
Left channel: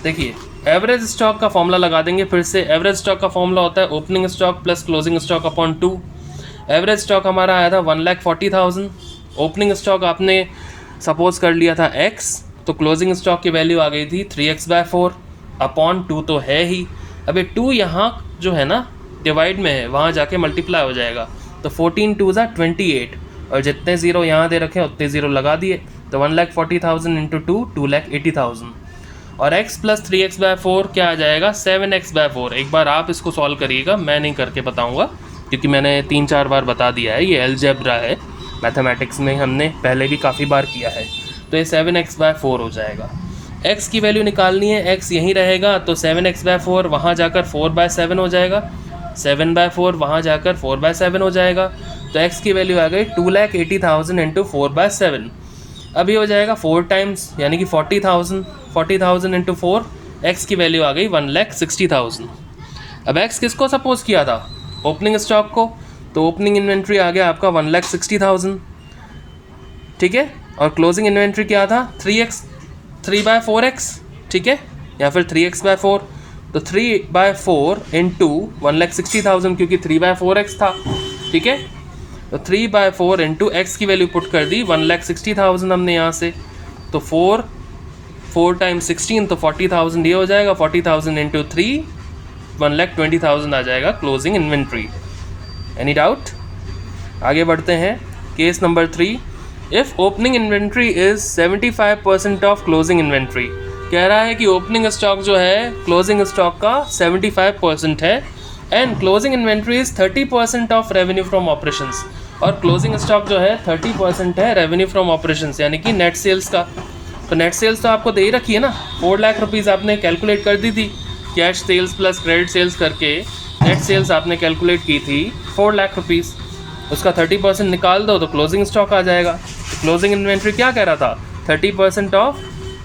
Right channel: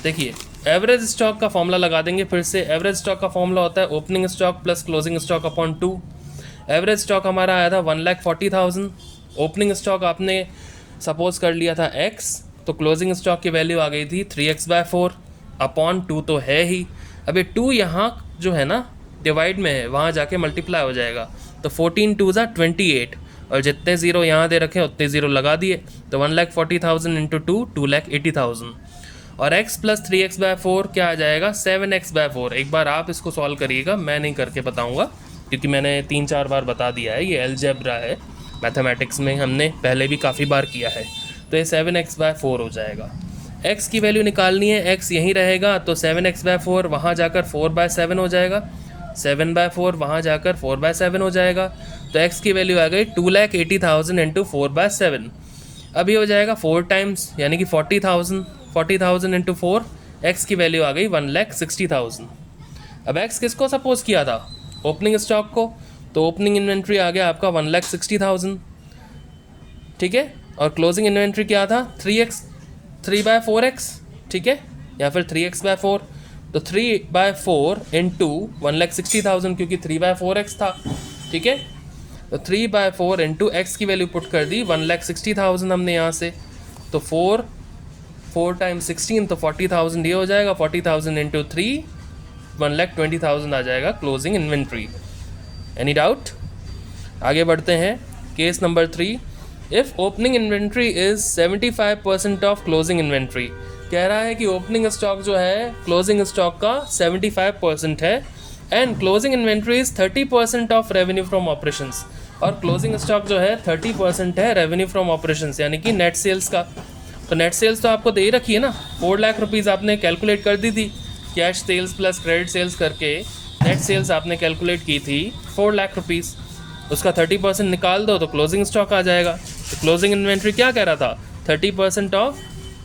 देखिए एवरेज स्टॉक का फॉर्मूला लगा देंगे फिर से। एवरेज स्टॉक का फॉर्मूला होता है opening stock plus closing stock upon 2। Average stock हमारा आया था 1,40,000। ओपनिंग स्टॉक आपने सपोज कर लिया था x, तो क्लोजिंग स्टॉक की वैल्यू आ गई थी 3x/4 अपॉन 2 तो है ही। अब ये 2 यहाँ जो है ना डिवाइड में है, वहाँ जाके मल्टीप्लाई हो जाएगा, तो 14 2 ज़ा 28, और जितने ज़ीरो यहाँ दे रखे हैं उतने ज़ीरो लगा दिए, तो 1,40,000 इंटू 2 2,80,000। और x प्लस 3x/4 क्या आ जाएगा, 7x/4। एक बार आप इसको सॉल्व करिएगा, मैं नहीं करके बताऊँगा क्योंकि मैंने 3-4 बार बता दिया है, ये अलजेब्रा है, मैथमेटिक्स में हमने पहले भी काफ़ी बार किया है। तो ये 7x/4 हो जाएगा। x की वैल्यू निकालनी है, x यहीं रहेगा, तो 7x/4 वहाँ जाकर 4/7 हो जाएगा, 7/4 वहाँ जाकर 4/7 हो जाएगा। तो x की वैल्यू आ गई 2,80,000 इंटू 4/7। अब ये हो जाएगा 4 टाइम्स, यानी कि 40,000 इंटू 4, x की वैल्यू आ गई 1,60,000। अब x किसको सपोज किया था, ओपनिंग स्टॉक को, तो ओपनिंग इन्वेंट्री आ गया आपका 1,60,000। ठीक है, और क्लोजिंग इन्वेंट्री क्या था 3/4x, ठीक है, या फिर 3x/4। तो 3/4 इंटू 1,60,000, क्योंकि 3/4x था, ठीक है, तो 3/4 इंटू x की वैल्यू पुट कर दी 1,60,000 हमने यहाँ से, तो 4 टाइम्स 16, तो 40,000 ये हो जाएगा, 40,000 इंटू 3 1,20,000 आ जाएगा क्लोजिंग इन्वेंट्री। Any doubt? आगे बढ़ते हैं। Case number 3, if opening inventory is 75% of closing inventory. कह रहा है कि ओपनिंग स्टॉक जो है क्लोजिंग स्टॉक का 75% है, and closing inventory is 30% of revenue from operations. और क्लोजिंग स्टॉक जो है 30% है रेवेन्यू फ्रॉम ऑपरेशंस, यानी कि नेट सेल्स का। तो नेट सेल्स तो आपको दे ही रखी है ना, 4 लाख रुपीज़ आपने कैलकुलेट कर दी थी, cash sales plus credit sales करके नेट सेल्स आपने कैलकुलेट की थी 4 लाख रुपीज़। उसका 30% निकाल दो तो क्लोजिंग स्टॉक आ जाएगा। तो क्लोजिंग इन्वेंट्री क्या कह रहा था, 30% ऑफ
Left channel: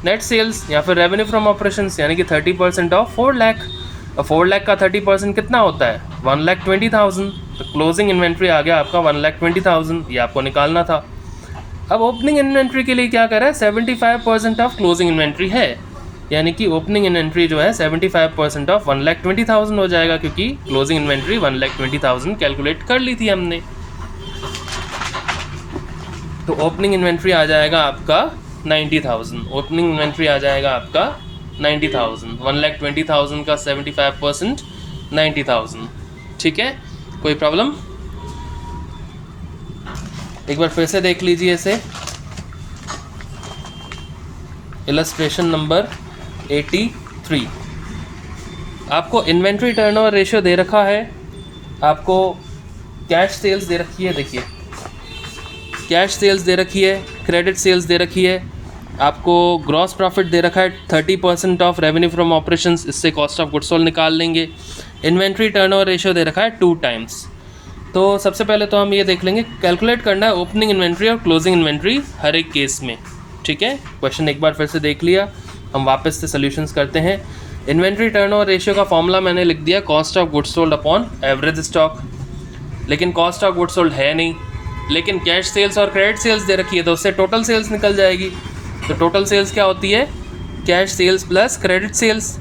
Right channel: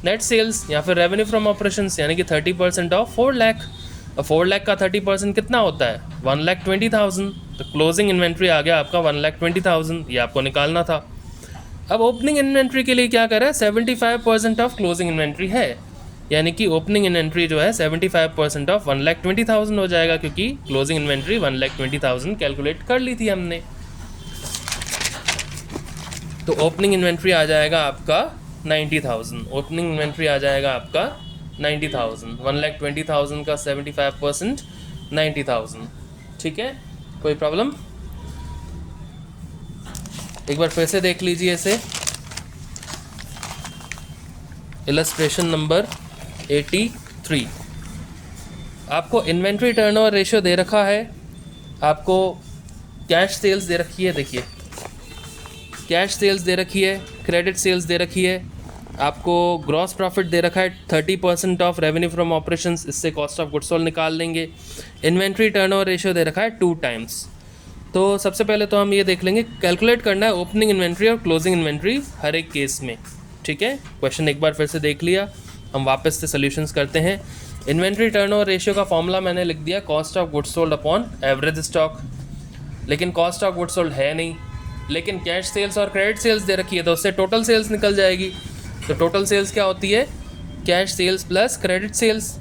नेट सेल्स या फिर रेवेन्यू फ्रॉम ऑपरेशंस, यानी कि 30% ऑफ 4 लाख। और 4 लाख का 30% कितना होता है, 1,20,000। तो क्लोजिंग इन्वेंट्री आ गया आपका 1,20,000, ये आपको निकालना था। अब ओपनिंग इन्वेंट्री के लिए क्या कर रहा है, 75% ऑफ क्लोजिंग इन्वेंट्री है, यानी कि ओपनिंग इन्वेंट्री जो है 75% ऑफ 1,20,000 हो जाएगा, क्योंकि क्लोजिंग इन्वेंट्री 1,20,000 कैलकुलेट कर ली थी हमने। तो ओपनिंग इन्वेंट्री आ जाएगा आपका 90,000, ओपनिंग इन्वेंट्री आ जाएगा आपका 90,000, 1,20,000 का 75% 90,000। ठीक है, कोई प्रॉब्लम? एक बार फिर से देख लीजिए इसे, इलस्ट्रेशन नंबर 83। आपको इन्वेंट्री टर्नओवर रेशियो दे रखा है, आपको कैश सेल्स दे रखी है, देखिए कैश सेल्स दे रखी है, क्रेडिट सेल्स दे रखी है, आपको ग्रॉस प्रॉफिट दे रखा है 30% ऑफ रेवेन्यू फ्रॉम ऑपरेशंस, इससे कॉस्ट ऑफ गुड्स सोल्ड निकाल लेंगे। इन्वेंट्री टर्नओवर रेशियो दे रखा है 2 टाइम्स। तो सबसे पहले तो हम ये देख लेंगे, कैलकुलेट करना है ओपनिंग इन्वेंट्री और क्लोजिंग इन्वेंट्री हर एक केस में, ठीक है। क्वेश्चन एक बार फिर से देख लिया, हम वापस से सॉल्यूशंस करते हैं। इन्वेंट्री टर्नओवर रेशियो का फॉर्मूला मैंने लिख दिया, cost of goods sold upon average stock, लेकिन कॉस्ट ऑफ गुड्स सोल्ड है नहीं, लेकिन कैश सेल्स और क्रेडिट सेल्स दे रखी है, तो उससे टोटल सेल्स निकल जाएगी। तो टोटल सेल्स क्या होती है, cash sales plus credit sales.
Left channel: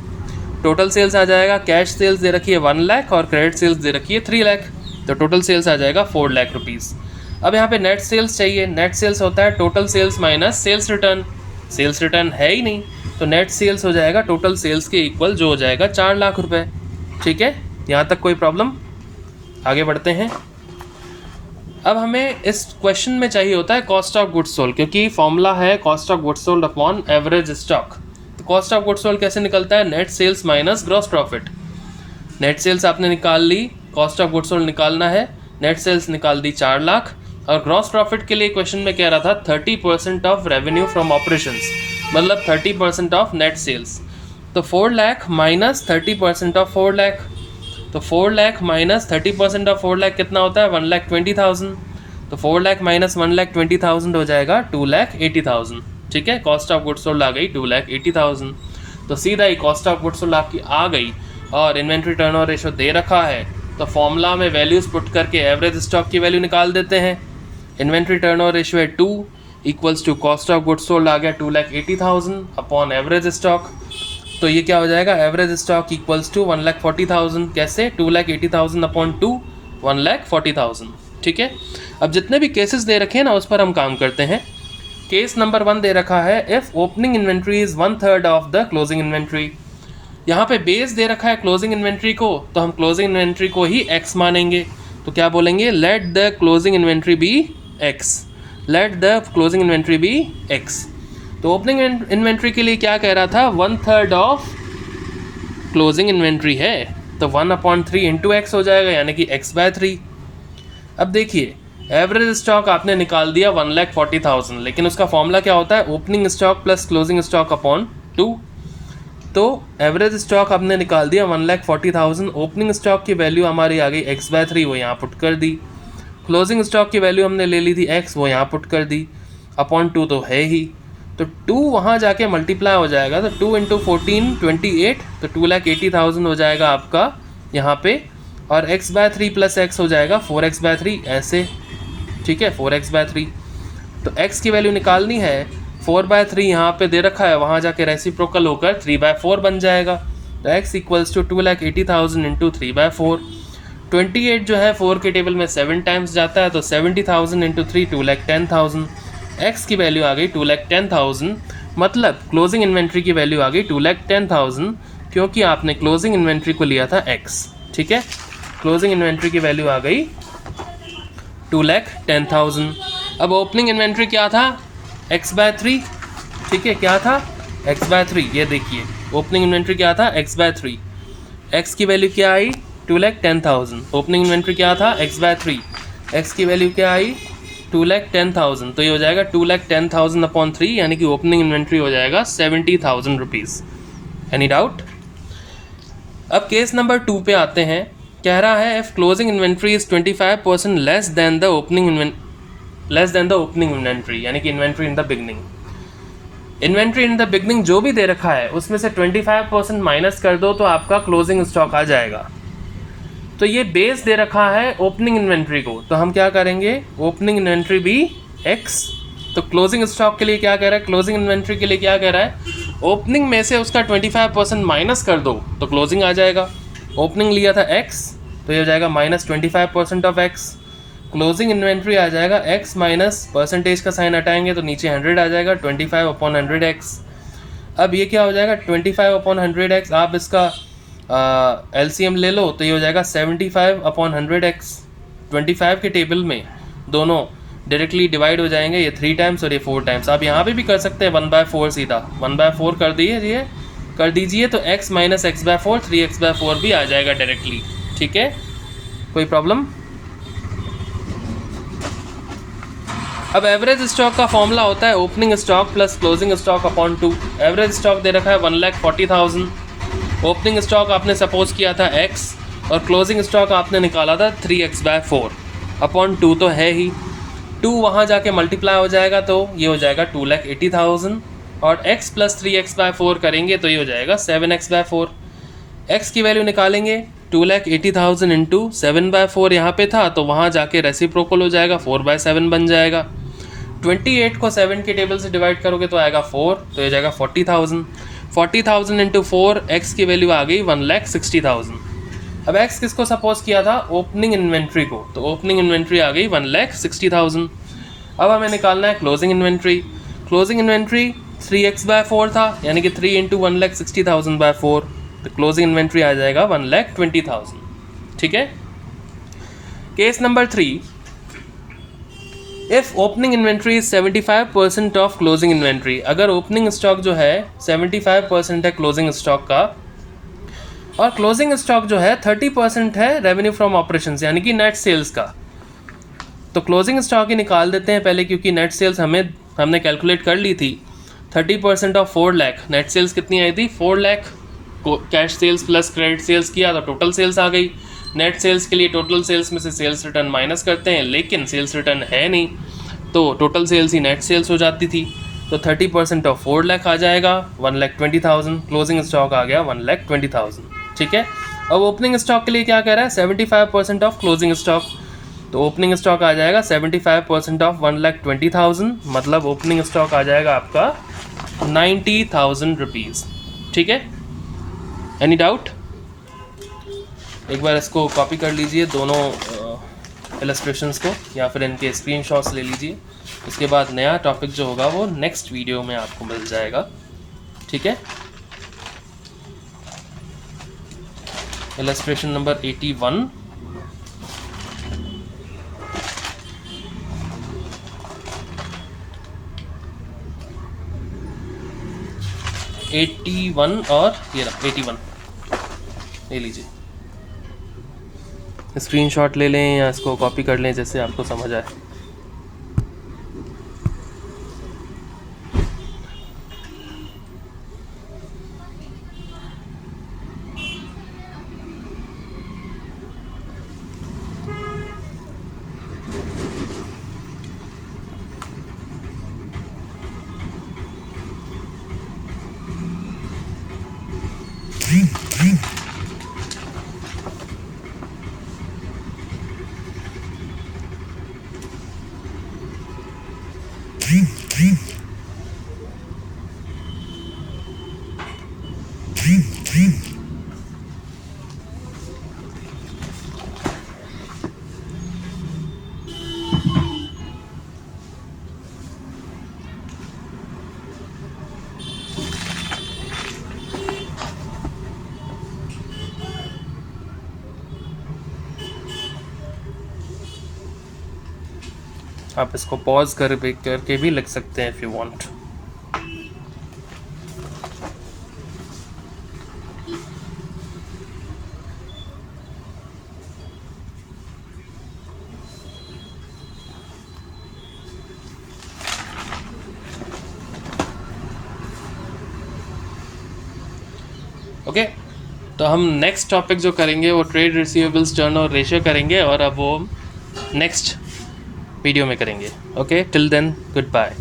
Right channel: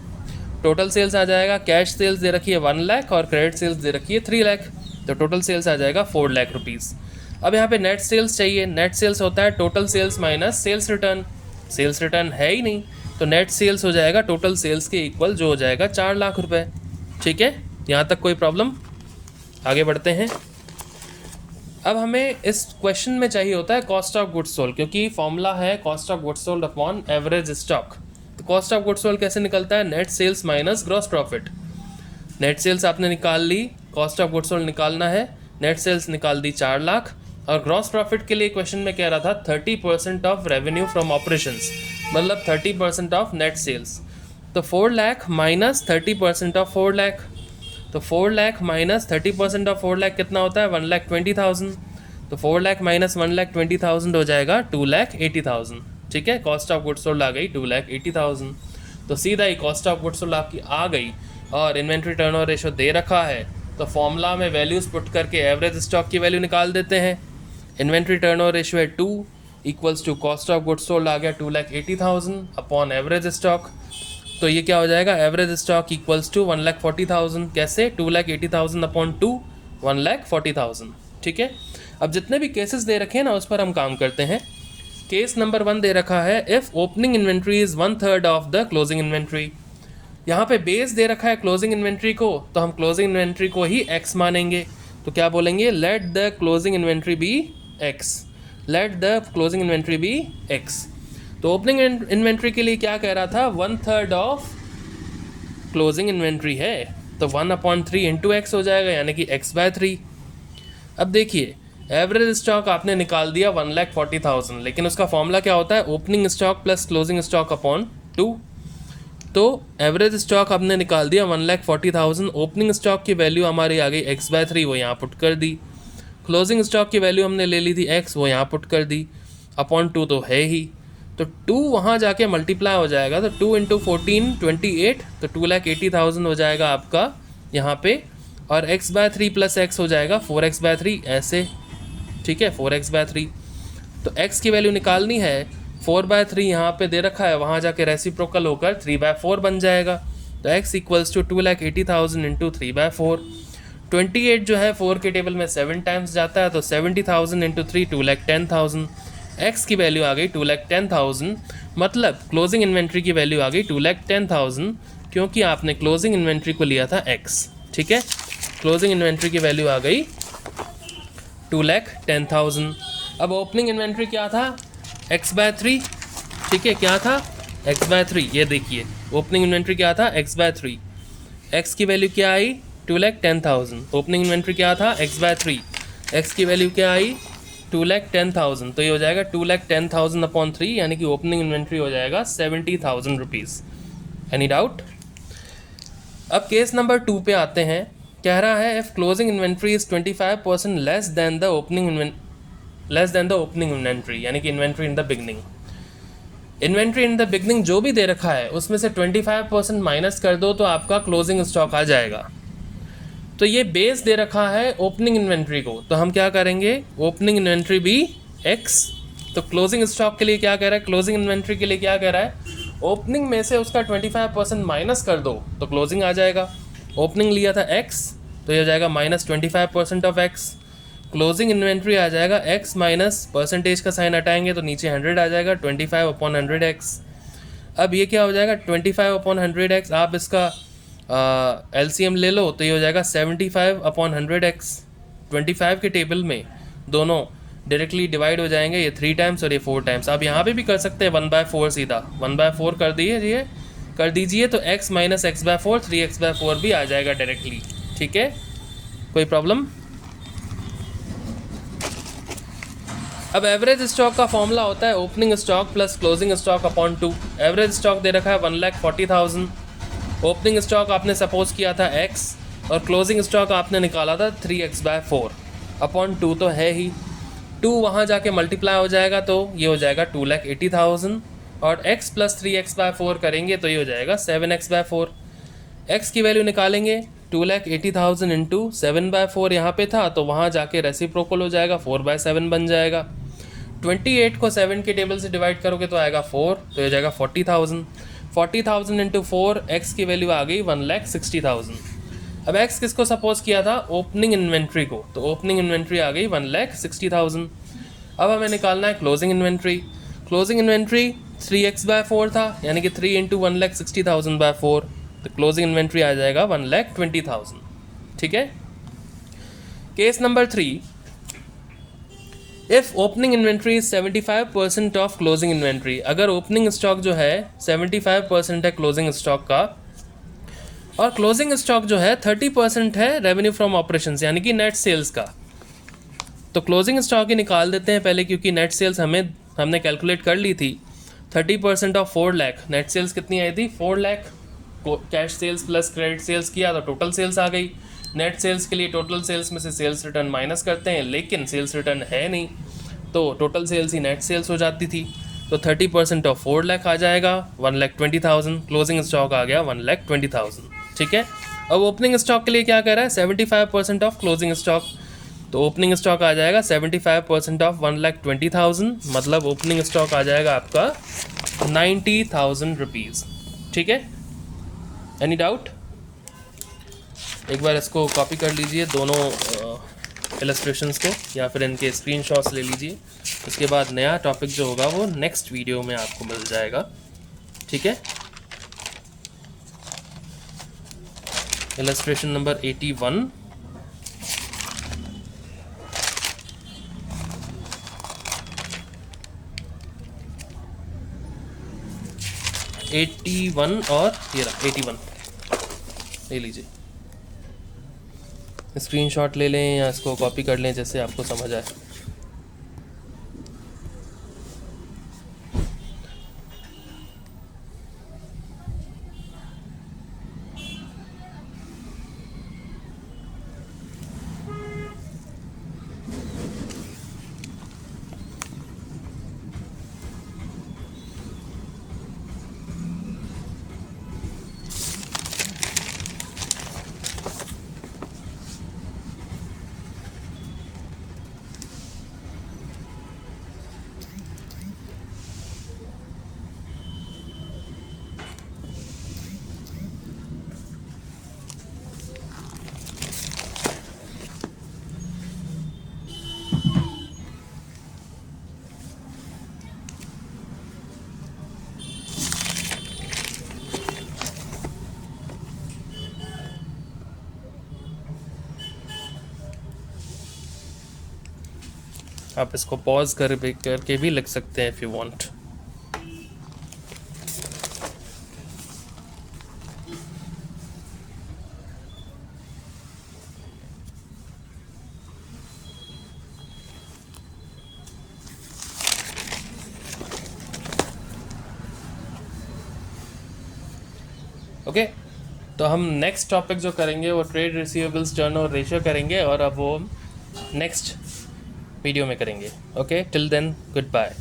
Total sales आ जाएगा, कैश सेल्स दे रखी है 1 लाख और क्रेडिट सेल्स दे रखी है 3 लाख, तो टोटल सेल्स आ जाएगा 4 लाख रुपीज़। अब यहाँ पे नेट सेल्स चाहिए, नेट सेल्स होता है total sales minus sales return, sales return है ही नहीं, तो नेट सेल्स हो जाएगा टोटल सेल्स के इक्वल, जो हो जाएगा 4 लाख रुपए, ठीक है। यहाँ तक कोई प्रॉब्लम? आगे बढ़ते हैं। अब हमें इस क्वेश्चन में चाहिए होता है कॉस्ट ऑफ गुड्स सोल्ड, क्योंकि फॉर्मूला है cost of goods sold upon average stock. तो कॉस्ट ऑफ गुड्स सोल्ड कैसे निकलता है, net sales minus gross profit. Net sales आपने निकाल ली, कॉस्ट ऑफ गुड्स सोल्ड निकालना है, नेट सेल्स निकाल दी 4 लाख, और ग्रॉस प्रॉफिट के लिए क्वेश्चन में कह रहा था 30% ऑफ रेवेन्यू फ्रॉम ऑपरेशंस, मतलब 30% ऑफ नेट सेल्स। तो 4 लाख माइनस 30% ऑफ 4 लाख, तो 4 लाख माइनस 30% ऑफ 4 लाख कितना होता है, 1,20,000। तो 4 लाख माइनस 1,20,000 हो जाएगा 2,80,000, ठीक है। कॉस्ट ऑफ गुड्स सोल्ड आ गई 2,80,000, तो सीधा ही कॉस्ट ऑफ गुड्स सोल्ड आपकी आ गई। और इन्वेंट्री टर्नओवर रेशियो दे रखा है, तो फॉर्मूला में वैल्यूज़ पुट करके एवरेज स्टॉक की वैल्यू निकाल देते हैं। इन्वेंट्री टर्नओवर रेशियो है 2 equals to cost of goods sold आ गया 2,80,000 अपॉन एवरेज स्टॉक, तो ये क्या हो जाएगा, एवरेज स्टॉक इक्वल्स टू 1,40,000। कैसे, 2,80,000 अपॉन 2, 1,40,000, ठीक है। अब जितने भी केसेस दे रखे हैं ना, उस पर हम काम करते हैं। केस नंबर 1 दे रखा है, if opening inventory is 1/3 of the closing inventory. यहाँ पे बेस दे रखा है क्लोजिंग इन्वेंट्री को, तो हम क्लोजिंग इन्वेंट्री को ही x मानेंगे। तो क्या बोलेंगे, let the closing inventory be x, let the closing inventory be x। तो ओपनिंग इन्वेंट्री के लिए क्या कह रहा था, 1/3 ऑफ क्लोजिंग इन्वेंट्री है, तो 1/3 इंटू एक्स हो जाएगा, यानी कि x/3। अब देखिए, एवरेज स्टॉक आपने निकाल दिया 1,40,000, लेकिन उसका फॉर्मूला क्या होता है, opening stock plus closing stock upon 2। तो एवरेज स्टॉक आपने निकाल दिया 1,40,000, ओपनिंग स्टॉक की वैल्यू हमारी आ गई x/3, वो यहाँ पुट कर दी। क्लोजिंग स्टॉक की वैल्यू हमने ले ली थी x, वो यहाँ पुट कर दी, अपॉन 2 तो है ही, तो 2 वहाँ जाके मल्टीप्लाई हो जाएगा, तो 2 × 14 28, तो 2,80,000 हो जाएगा आपका यहाँ पे, और x/3 प्लस x हो जाएगा 4x/3, ऐसे, ठीक है, 4x/3। तो x की वैल्यू निकालनी है, 4/3 यहाँ पे दे रखा है, वहाँ जाके रेसिप्रोकल होकर 3/4 बन जाएगा, तो x इक्वल्स टू 2,80,000 इंटू 3/4। 28 जो है 4 के टेबल में 7 टाइम्स जाता है, तो 70,000 इंटू 3 2,10,000। x की वैल्यू आ गई 2,10,000, मतलब क्लोजिंग इन्वेंट्री की वैल्यू आ गई 2,10,000, क्योंकि आपने क्लोजिंग इन्वेंट्री को लिया था x, ठीक है। क्लोजिंग इन्वेंट्री की वैल्यू आ गई 2,10,000। अब ओपनिंग इन्वेंट्री क्या था, x/3, ठीक है, क्या था, x/3। ये देखिए, ओपनिंग इन्वेंट्री क्या था, x/3। x की वैल्यू क्या आई, 2,10,000। ओपनिंग इन्वेंट्री क्या था, x/3। x की वैल्यू क्या आई, 2,10,000, तो ये हो जाएगा 2,10,000 अपॉन 3, यानी कि ओपनिंग इन्वेंट्री हो जाएगा 70,000 रुपीज़। Any doubt? अब केस नंबर 2 पे आते हैं। कह रहा है, if closing inventory is 25% less than the opening inventory, यानी कि inventory in the beginning. Inventory in the beginning जो भी दे रखा है, उसमें से 25% माइनस कर दो, तो आपका क्लोजिंग स्टॉक आ जाएगा। तो ये बेस दे रखा है ओपनिंग इन्वेंट्री को, तो हम क्या करेंगे, ओपनिंग इन्वेंट्री भी x। तो क्लोजिंग स्टॉक के लिए क्या कह रहा है, क्लोजिंग इन्वेंट्री के लिए क्या कह रहा है, ओपनिंग में से उसका 25% माइनस कर दो, तो क्लोजिंग आ जाएगा। ओपनिंग लिया था x, तो ये हो जाएगा minus 25% of x। Closing inventory आ जाएगा x माइनस परसेंटेज का साइन हटाएंगे, तो नीचे 100 आ जाएगा, 25/100x। अब ये क्या हो जाएगा, 25/100x, आप इसका LCM ले लो, तो ये हो जाएगा 75/100x। 25 के टेबल में दोनों डायरेक्टली डिवाइड हो जाएंगे, ये 3 टाइम्स और ये 4 टाइम्स। आप यहाँ पे भी कर सकते हैं 1/4, सीधा 1/4 कर दीजिए, तो x माइनस x/4 3x/4 भी आ जाएगा डायरेक्टली, ठीक है, कोई प्रॉब्लम? अब एवरेज स्टॉक का फॉर्मूला होता है opening stock plus closing stock upon 2। Average stock दे रखा है 1,40,000, ओपनिंग स्टॉक आपने सपोज किया था x, और क्लोजिंग स्टॉक आपने निकाला था 3x/4, अपॉन 2 तो है ही, 2 वहाँ जाके मल्टीप्लाई हो जाएगा तो ये हो जाएगा 2,80,000 और x प्लस 3x/4 करेंगे तो ये हो जाएगा 7x/4। x की वैल्यू निकालेंगे 2,80,000 इंटू 7/4 यहाँ पे था तो वहाँ जाके रेसिप्रोकल हो जाएगा 4/7 बन जाएगा। 28 को 7 के टेबल से डिवाइड करोगे तो आएगा 4 तो ये जाएगा 40,000। 40,000 इंटू 4 x की वैल्यू आ गई 1,60,000। अब x किसको सपोज किया था, ओपनिंग इन्वेंट्री को, तो ओपनिंग इन्वेंट्री आ गई 1,60,000। अब हमें निकालना है closing inventory. Closing inventory 3x/4 था यानी कि 3 इंटू 1,60,000/4 तो क्लोजिंग इन्वेंट्री आ जाएगा 1,20,000। ठीक है। Case number 3, if opening inventory is 75% of closing inventory, अगर ओपनिंग स्टॉक जो है 75% है क्लोजिंग स्टॉक का और क्लोजिंग स्टॉक जो है 30% है रेवेन्यू फ्रॉम ऑपरेशंस यानी कि नेट सेल्स का, तो क्लोजिंग स्टॉक ही निकाल देते हैं पहले क्योंकि नेट सेल्स हमने कैलकुलेट कर ली थी। 30% ऑफ 4 लाख, नेट सेल्स कितनी आई थी 4 lakh, cash sales plus credit sales किया तो टोटल सेल्स आ गई। नेट सेल्स के लिए टोटल सेल्स में से सेल्स रिटर्न माइनस करते हैं लेकिन सेल्स रिटर्न है नहीं तो टोटल सेल्स ही नेट सेल्स हो जाती थी, तो 30% ऑफ 4 लाख आ जाएगा 1,20,000, क्लोजिंग स्टॉक आ गया 1,20,000। ठीक है। अब ओपनिंग स्टॉक के लिए क्या कह रहा है 75% ऑफ क्लोजिंग स्टॉक, तो ओपनिंग स्टॉक आ जाएगा 75% ऑफ 1,20,000 मतलब ओपनिंग स्टॉक आ जाएगा आपका 90,000 रुपीज़। ठीक है। Any doubt? एक बार इसको कॉपी कर लीजिए दोनों इलस्ट्रेशंस को या फिर इनके स्क्रीनशॉट्स ले लीजिए, उसके बाद नया टॉपिक जो होगा वो नेक्स्ट वीडियो में आपको मिल जाएगा। ठीक है। इलस्ट्रेशन नंबर 81, और ये रहा 81 ले लीजिए, स्क्रीनशॉट ले लें या इसको कॉपी कर लें जैसे आपको समझ आए। आप इसको पॉज करके भी लिख सकते हैं इफ़ यू वांट। ओके, तो हम नेक्स्ट टॉपिक जो करेंगे वो ट्रेड रिसीवेबल्स टर्नओवर रेशियो करेंगे और अब वो नेक्स्ट वीडियो में करेंगे। Okay, till then good bye.